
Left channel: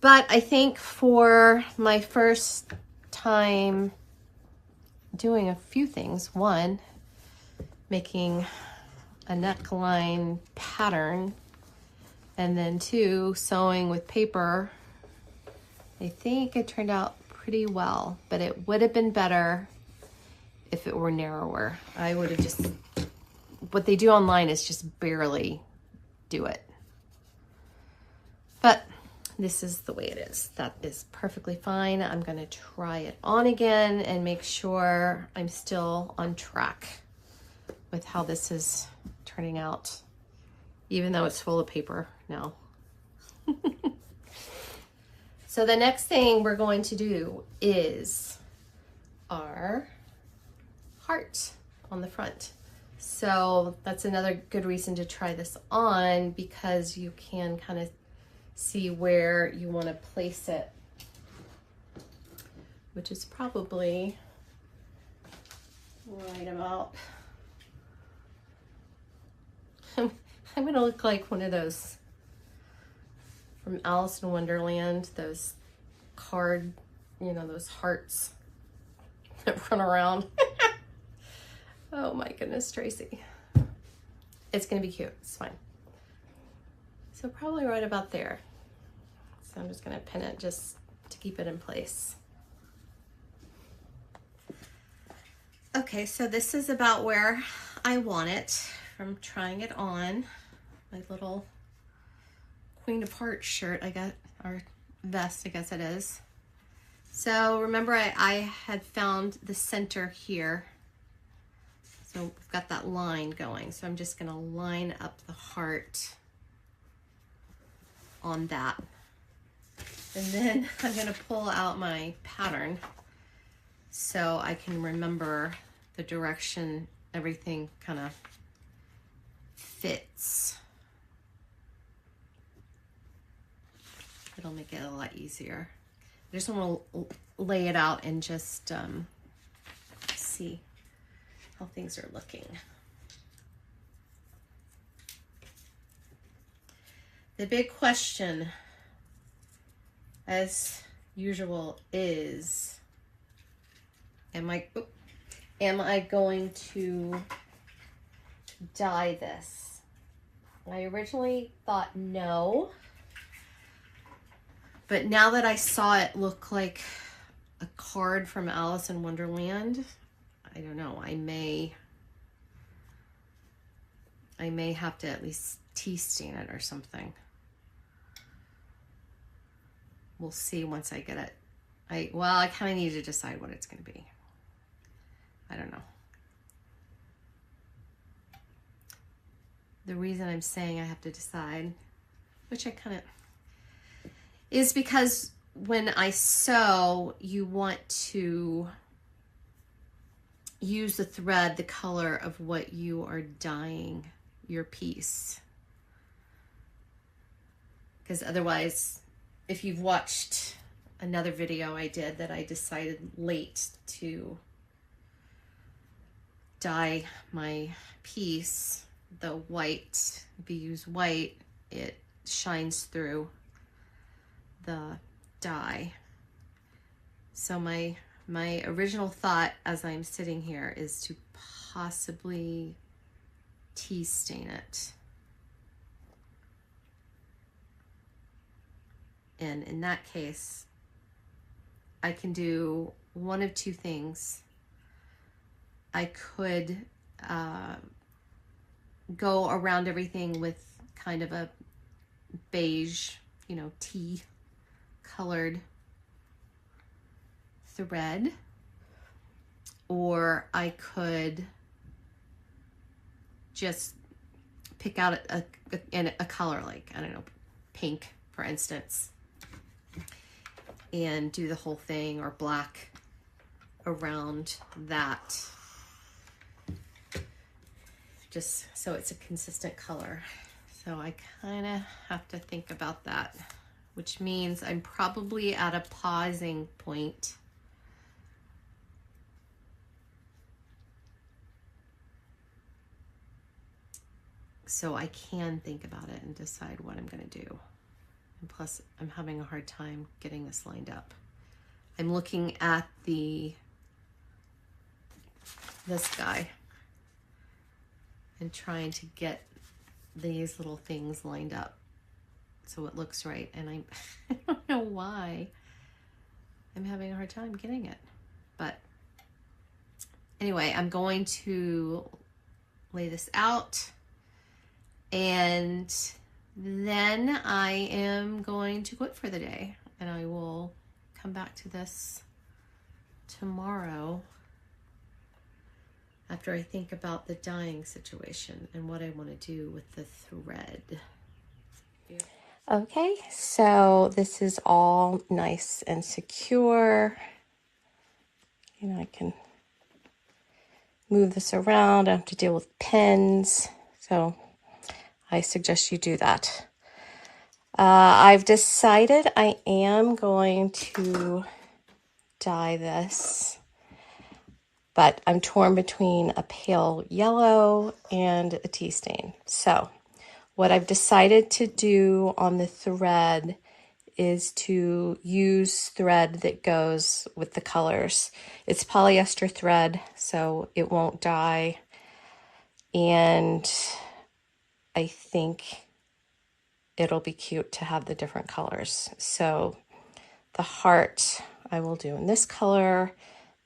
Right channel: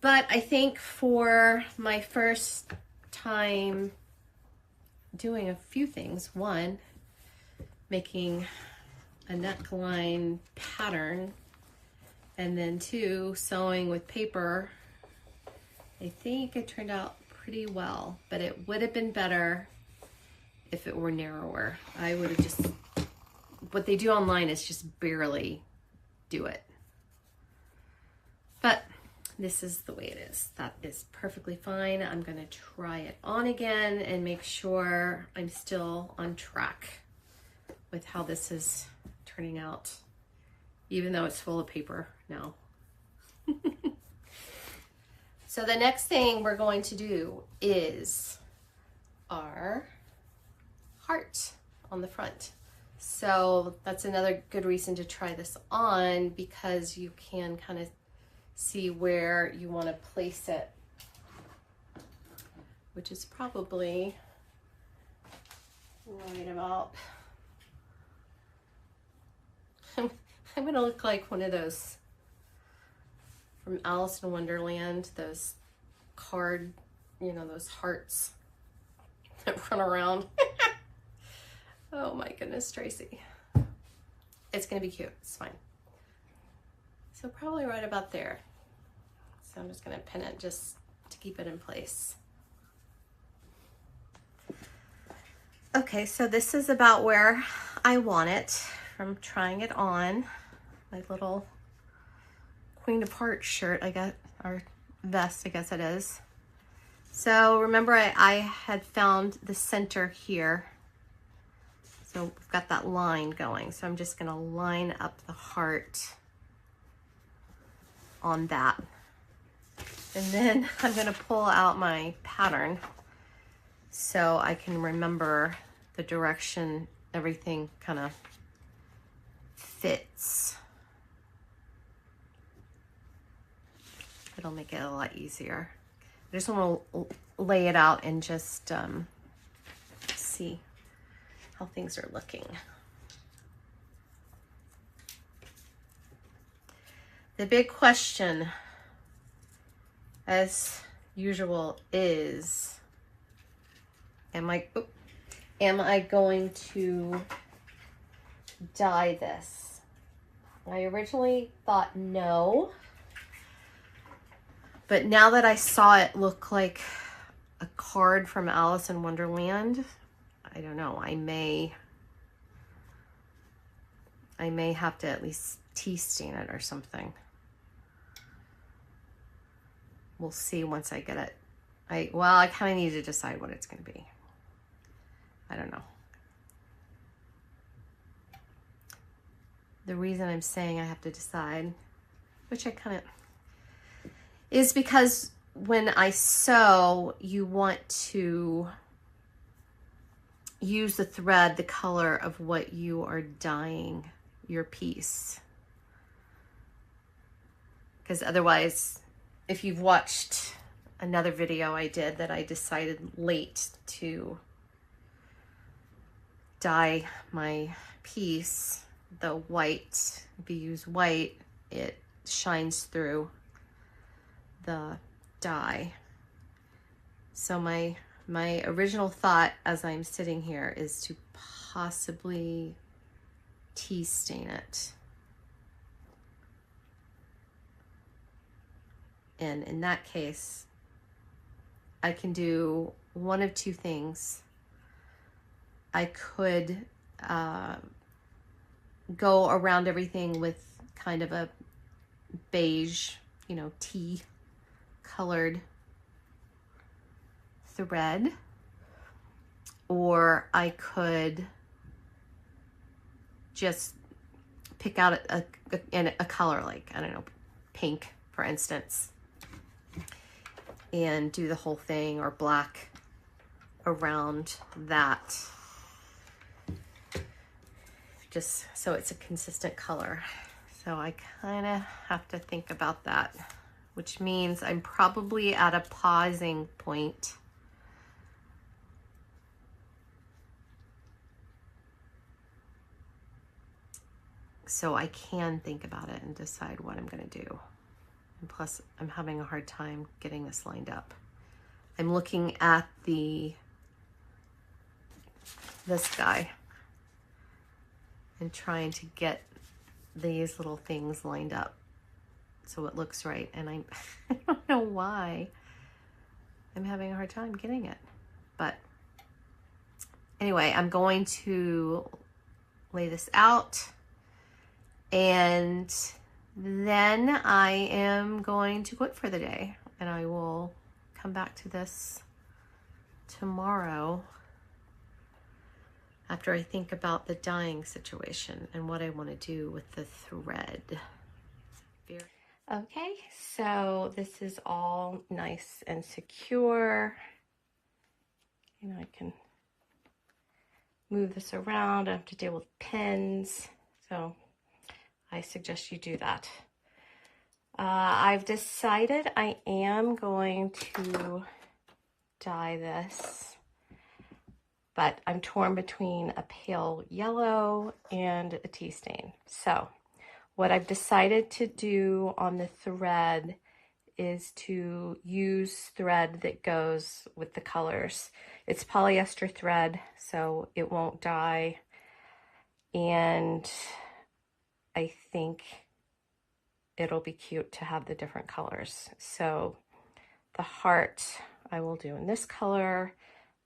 But I think for my first time doing a few things, one, making a neckline pattern, and then two, sewing with paper, I think it turned out pretty well, but it would have been better if it were narrower. I would have just, what they do online is just barely do it. But this is the way it is. That is perfectly fine. I'm gonna try it on again and make sure I'm still on track with how this is turning out, even though it's full of paper now. So the next thing we're going to do is our heart on the front. So that's another good reason to try this on, because you can kind of see where you want to place it, which is probably right about, I'm going to look like one of those from Alice in Wonderland, those card, you know, those hearts that run around. Oh my goodness, Tracy. It's gonna be cute, it's fine. So probably right about there. So I'm just gonna pin it just to keep it in place. Okay, so this is about where I want it from trying it on. My little Queen of Hearts shirt I got, or vest I guess it is. So remember I had found the center here. So we've got that line going. So I'm just gonna line up the heart on that. And then I'm gonna pull out my pattern so I can remember the direction everything kind of fits. It'll make it a lot easier. I just want to lay it out and just see how things are looking. The big question, as usual, is, am I going to dye this? I originally thought no. But now that I saw it look like a card from Alice in Wonderland, I don't know, I may have to at least tea stain it or something. We'll see once I get it. I kind of need to decide what it's going to be. I don't know. The reason I'm saying I have to decide, which I kind of, is because when I sew, you want to use the thread, the color of what you are dyeing your piece. Because otherwise, if you've watched another video I did that I decided late to dye my piece, the white, if you use white, it shines through the dye. So my original thought as I'm sitting here is to possibly tea stain it. And in that case, I can do one of two things. I could go around everything with kind of a beige, you know, tea colored thread, or I could just pick out a color, like, I don't know, pink, for instance, and do the whole thing, or black around that, just so it's a consistent color. So I kind of have to think about that, which means I'm probably at a pausing point. So I can think about it and decide what I'm going to do. And plus, I'm having a hard time getting this lined up. I'm looking at this guy and trying to get these little things lined up so it looks right. And I don't know why I'm having a hard time getting it. But anyway, I'm going to lay this out, and then I am going to quit for the day, and I will come back to this tomorrow after I think about the dyeing situation and what I want to do with the thread. Okay, so this is all nice and secure. You know, I can move this around. I don't have to deal with pins, so I suggest you do that. I've decided I am going to dye this, but I'm torn between a pale yellow and a tea stain. So what I've decided to do on the thread is to use thread that goes with the colors. It's polyester thread, so it won't dye, and I think it'll be cute to have the different colors. So the heart I will do in this color,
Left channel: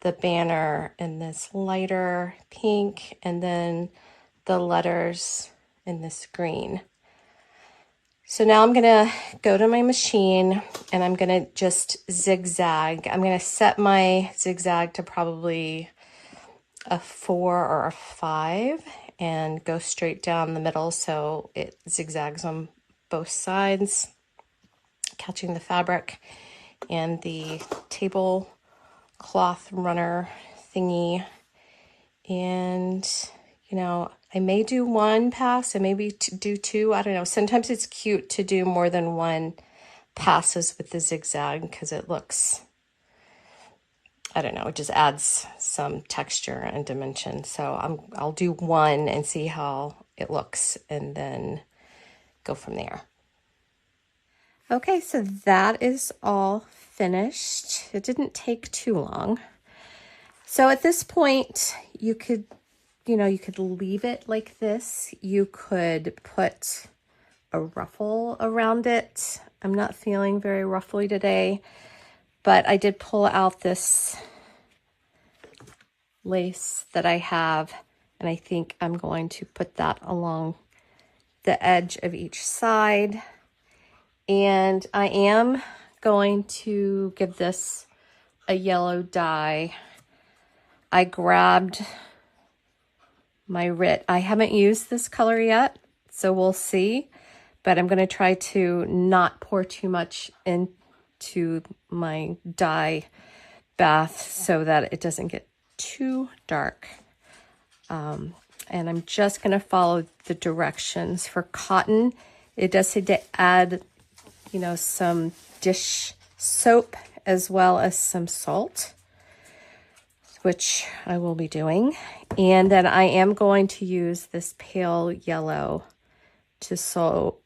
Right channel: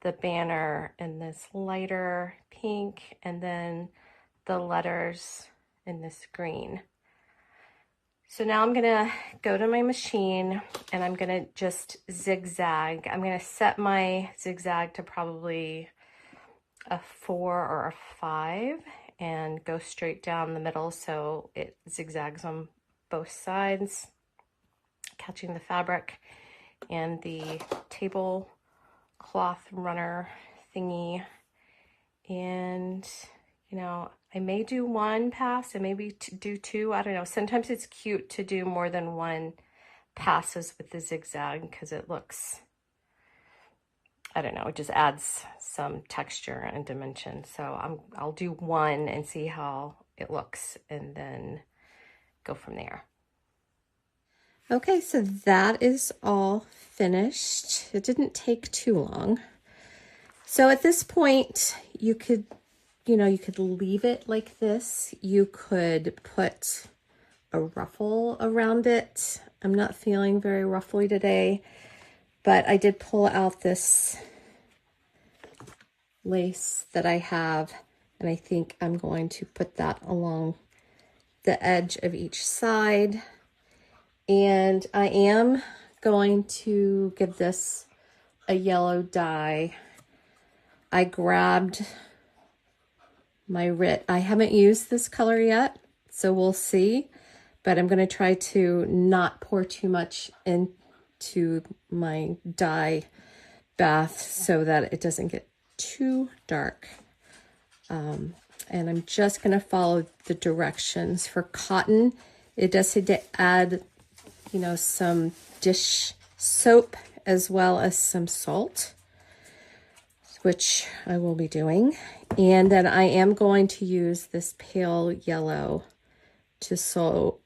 the banner in this lighter pink, and then the letters in this green. So now I'm gonna go to my machine and I'm gonna just zigzag. I'm gonna set my zigzag to probably a 4 or a 5 and go straight down the middle so it zigzags on both sides, catching the fabric and the tablecloth runner thingy. And you know, I may do one pass and maybe do 2. I don't know. Sometimes it's cute to do more than one passes with the zigzag because it looks, I don't know, it just adds some texture and dimension. So I'll do 1 and see how it looks and then go from there. Okay, so that is all finished. It didn't take too long. So at this point, you could leave it like this. You could put a ruffle around it. I'm not feeling very ruffly today, but I did pull out this lace that I have, and I think I'm going to put that along the edge of each side. And I am going to give this a yellow dye. I grabbed my Rit. I haven't used this color yet, so we'll see, but I'm going to try to not pour too much into my dye bath so that it doesn't get too dark. And I'm just going to follow the directions. For cotton, it does need to add, you know, some dish soap as well as some salt, which I will be doing. And then I am going to use this pale yellow to sew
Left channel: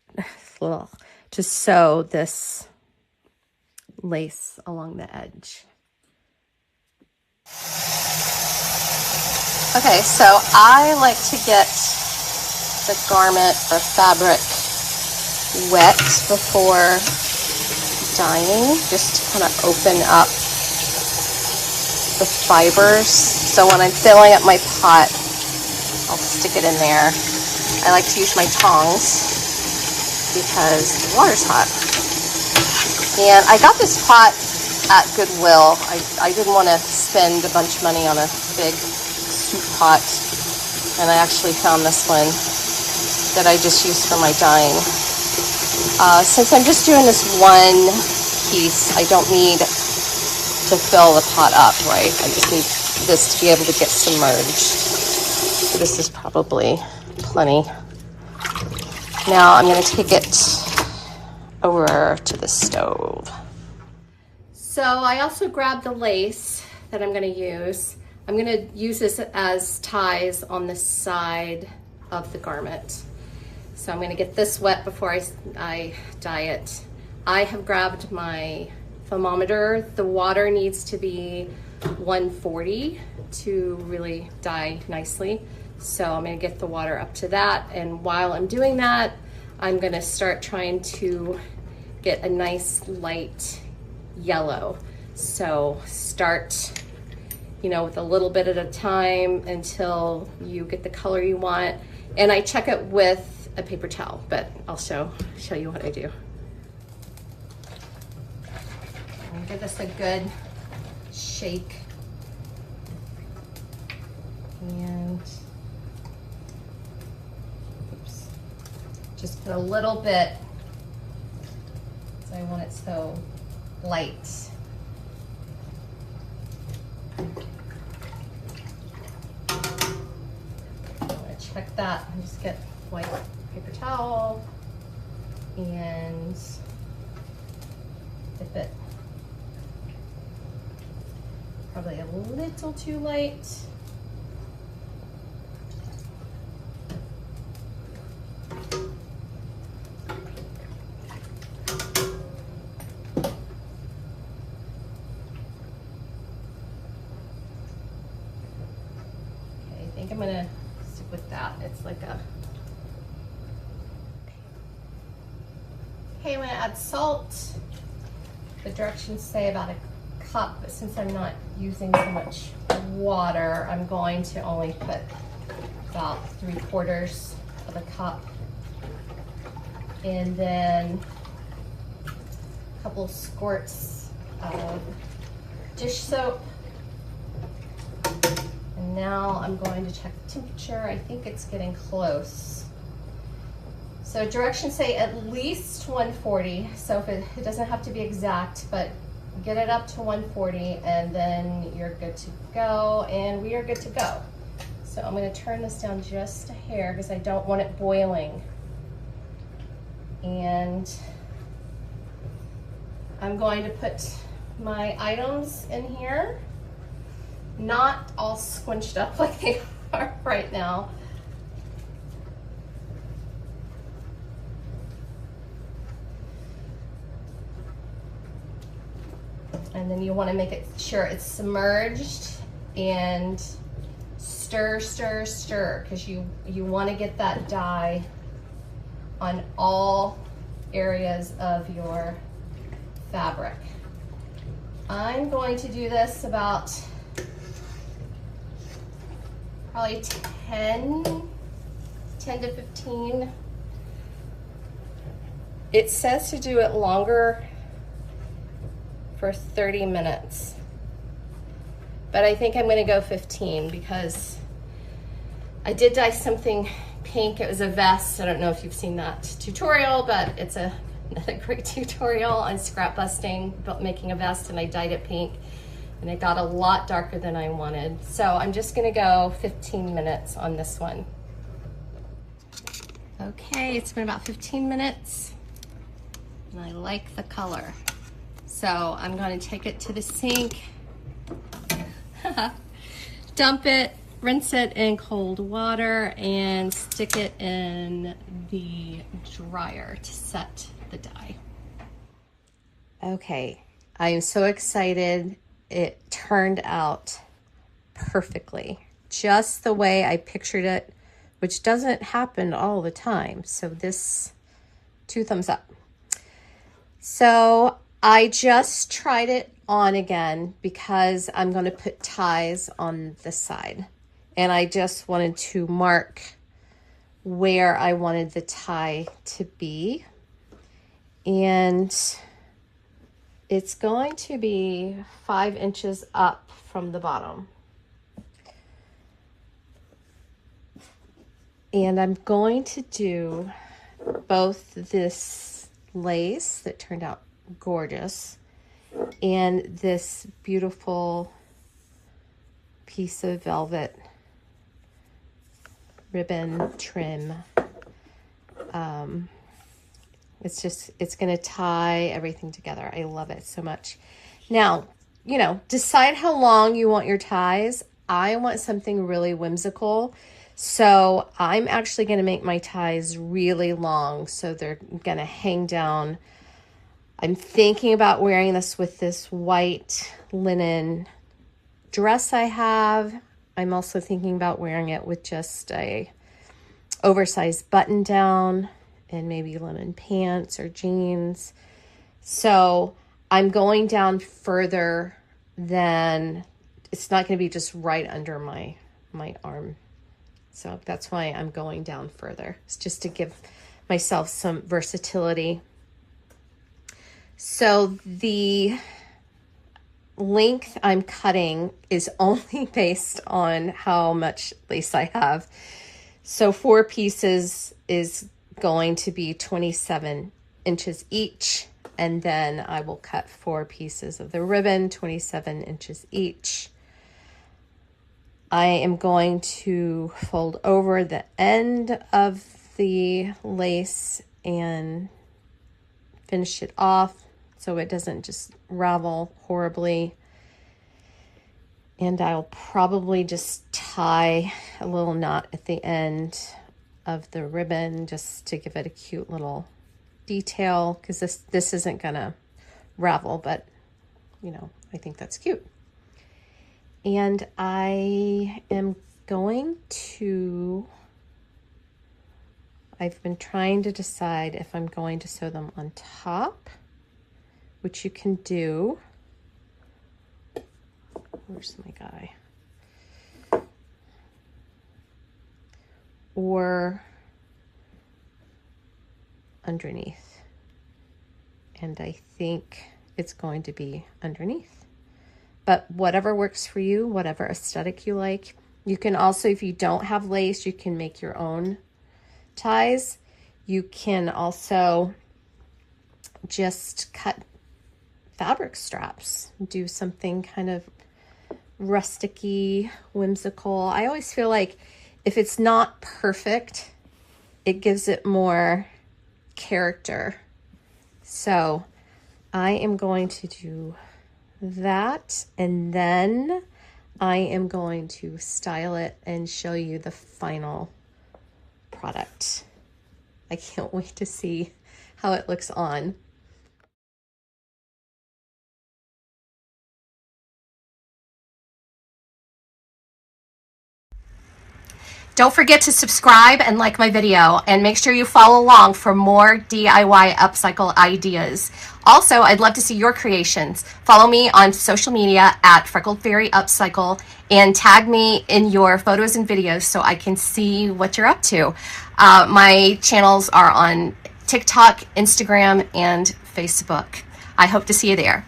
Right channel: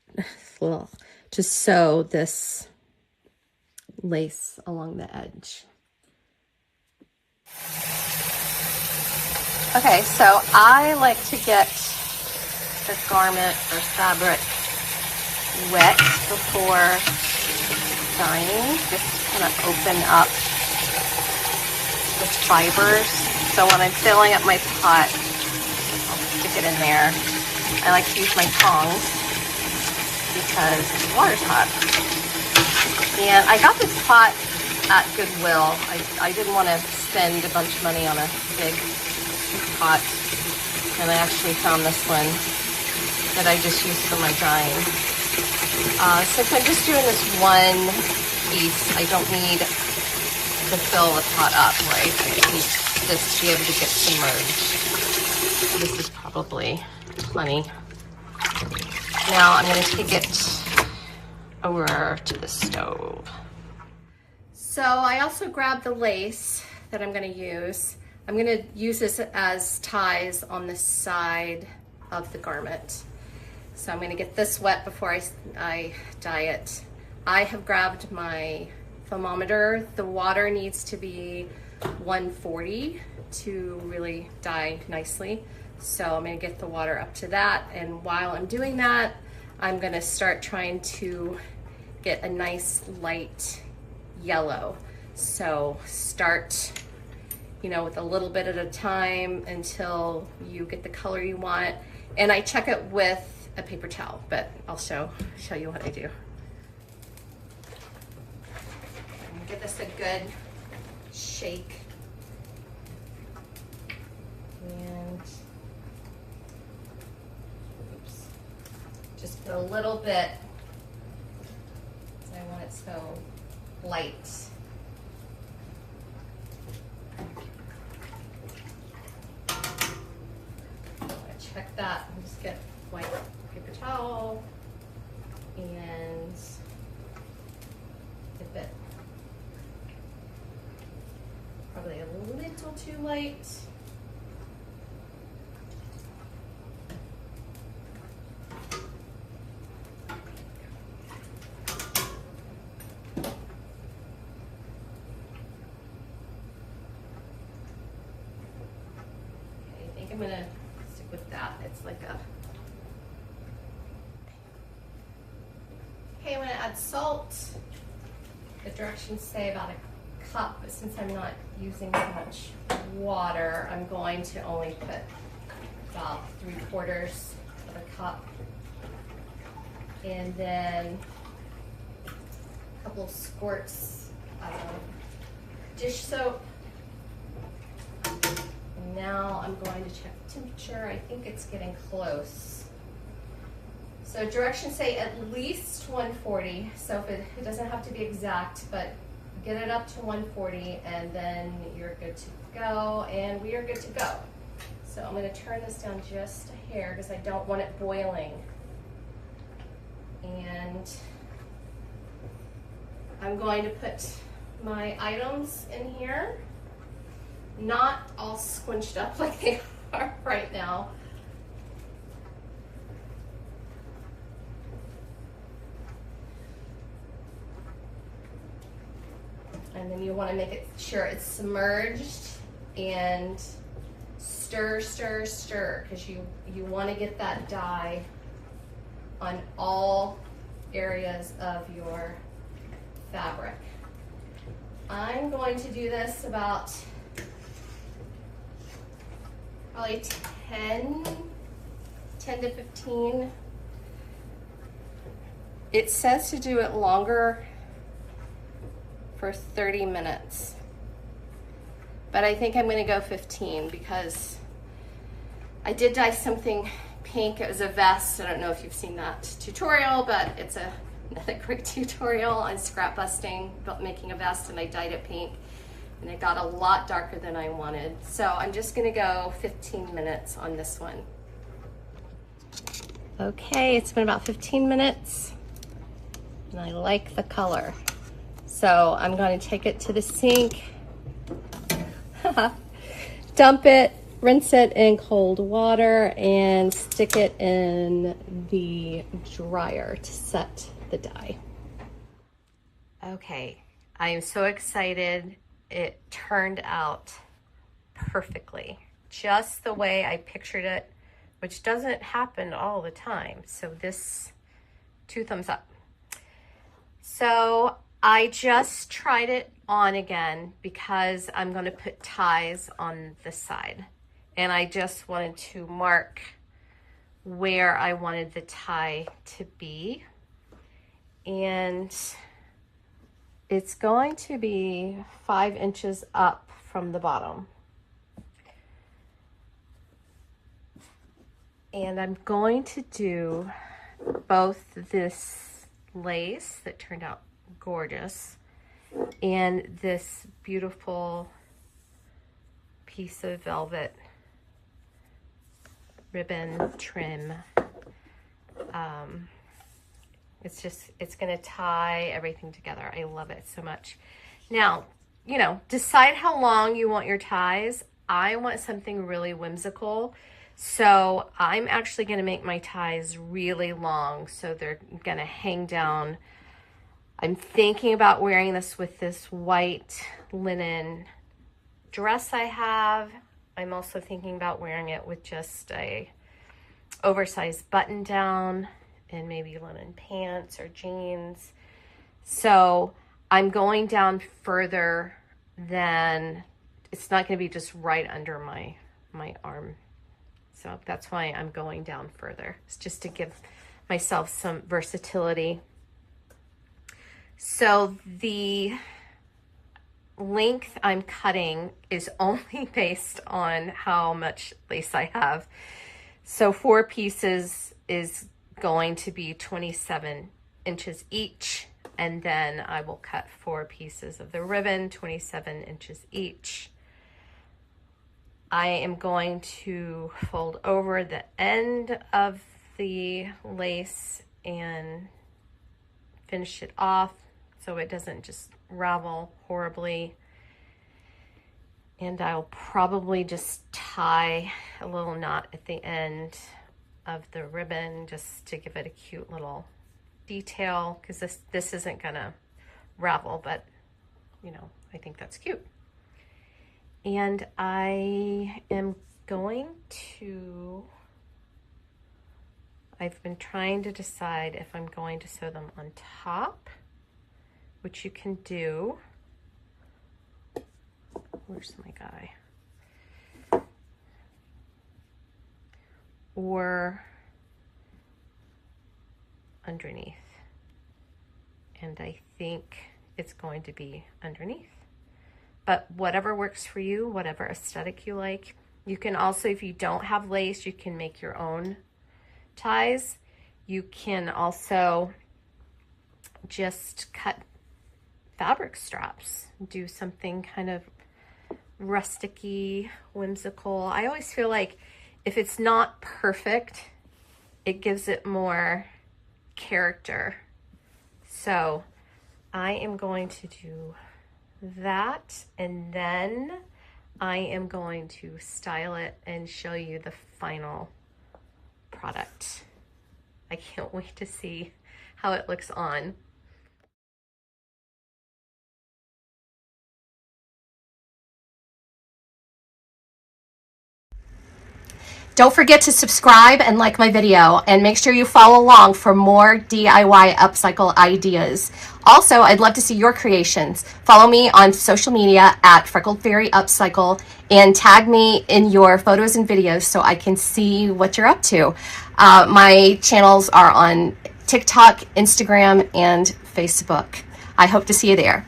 this lace along the edge. Okay, so I like to get the garment or fabric wet before dyeing, just to kind of open up the fibers. So when I'm filling up my pot, I'll stick it in there. I like to use my tongs because the water's hot. And I got this pot at Goodwill. I didn't want to spend a bunch of money on a big soup pot, and I actually found this one that I just used for my dyeing. Since I'm just doing this one piece, I don't need to fill the pot up, right? I just need this to be able to get submerged. So this is probably plenty. Now I'm going to take it over to the stove. So I also grabbed the lace that I'm going to use. I'm going to use this as ties on the side of the garment. So I'm going to get this wet before I dye it. I have grabbed my thermometer. The water needs to be 140 to really dye nicely. So I'm going to get the water up to that. And while I'm doing that, I'm going to start trying to get a nice light yellow. So start, you know, with a little bit at a time until you get the color you want. And I check it with a paper towel, but I'll show you what I do. Give this a good shake. And oops, just put a little bit. I want it so light. Check that. I'll just get white paper towel and dip it. Probably a little too light. I think I'm gonna stick with that. It's like a, okay, I'm gonna add salt. The directions say about a cup, but since I'm not using so much water, I'm going to only put about 3/4 of a cup. And then a couple squirts of dish soap. And now I'm going to check the temperature. I think it's getting close. So directions say at least 140. So if it doesn't have to be exact, but get it up to 140 and then you're good to go, and we are good to go. So I'm going to turn this down just a hair because I don't want it boiling. And I'm going to put my items in here, not all squinched up like they are right now. And then you want to make it sure it's submerged and stir, stir, stir, because you want to get that dye on all areas of your fabric. I'm going to do this about probably 10 to 15. It says to do it longer for 30 minutes. But I think I'm gonna go 15 because I did dye something pink. It was a vest. I don't know if you've seen that tutorial, but it's another great tutorial on scrap busting, making a vest, and I dyed it pink. And it got a lot darker than I wanted. So I'm just gonna go 15 minutes on this one. Okay, it's been about 15 minutes, and I like the color. So I'm going to take it to the sink, dump it, rinse it in cold water, and stick it in the dryer to set the dye. Okay, I am so excited. It turned out perfectly, just the way I pictured it, which doesn't happen all the time. So this, 2 thumbs up. So I just tried it on again because I'm going to put ties on this side, and I just wanted to mark where I wanted the tie to be, and it's going to be 5 inches up from the bottom. And I'm going to do both this lace that turned out gorgeous and this beautiful piece of velvet ribbon trim. It's gonna tie everything together. I love it so much. Now, decide how long you want your ties. I want something really whimsical, so I'm actually gonna make my ties really long, so they're gonna hang down. I'm thinking about wearing this with this white linen dress I have. I'm also thinking about wearing it with just a oversized button down and maybe linen pants or jeans. So I'm going down further than, it's not gonna be just right under my arm. So that's why I'm going down further. It's just to give myself some versatility. So the length I'm cutting is only based on how much lace I have. So 4 pieces is going to be 27 inches each, and then I will cut 4 pieces of the ribbon, 27 inches each. I am going to fold over the end of the lace and finish it off so it doesn't just ravel horribly. And I'll probably just tie a little knot at the end of the ribbon just to give it a cute little detail, because this isn't gonna ravel, but I think that's cute. And I am going to, I've been trying to decide if I'm going to sew them on top, which you can do. Where's my guy? or underneath. And I think it's going to be underneath. But whatever works for you, whatever aesthetic you like. You can also, if you don't have lace, you can make your own ties. You can also just cut fabric straps, do something kind of rusticy, whimsical. I always feel like if it's not perfect, it gives it more character. So I am going to do that, and then I am going to style it and show you the final product. I can't wait to see how it looks on. Don't forget to subscribe and like my video, and make sure you follow along for more DIY upcycle ideas. Also, I'd love to see your creations. Follow me on social media at Freckled Fairy Upcycle and tag me in your photos and videos so I can see what you're up to. My channels are on TikTok, Instagram, and Facebook. I hope to see you there.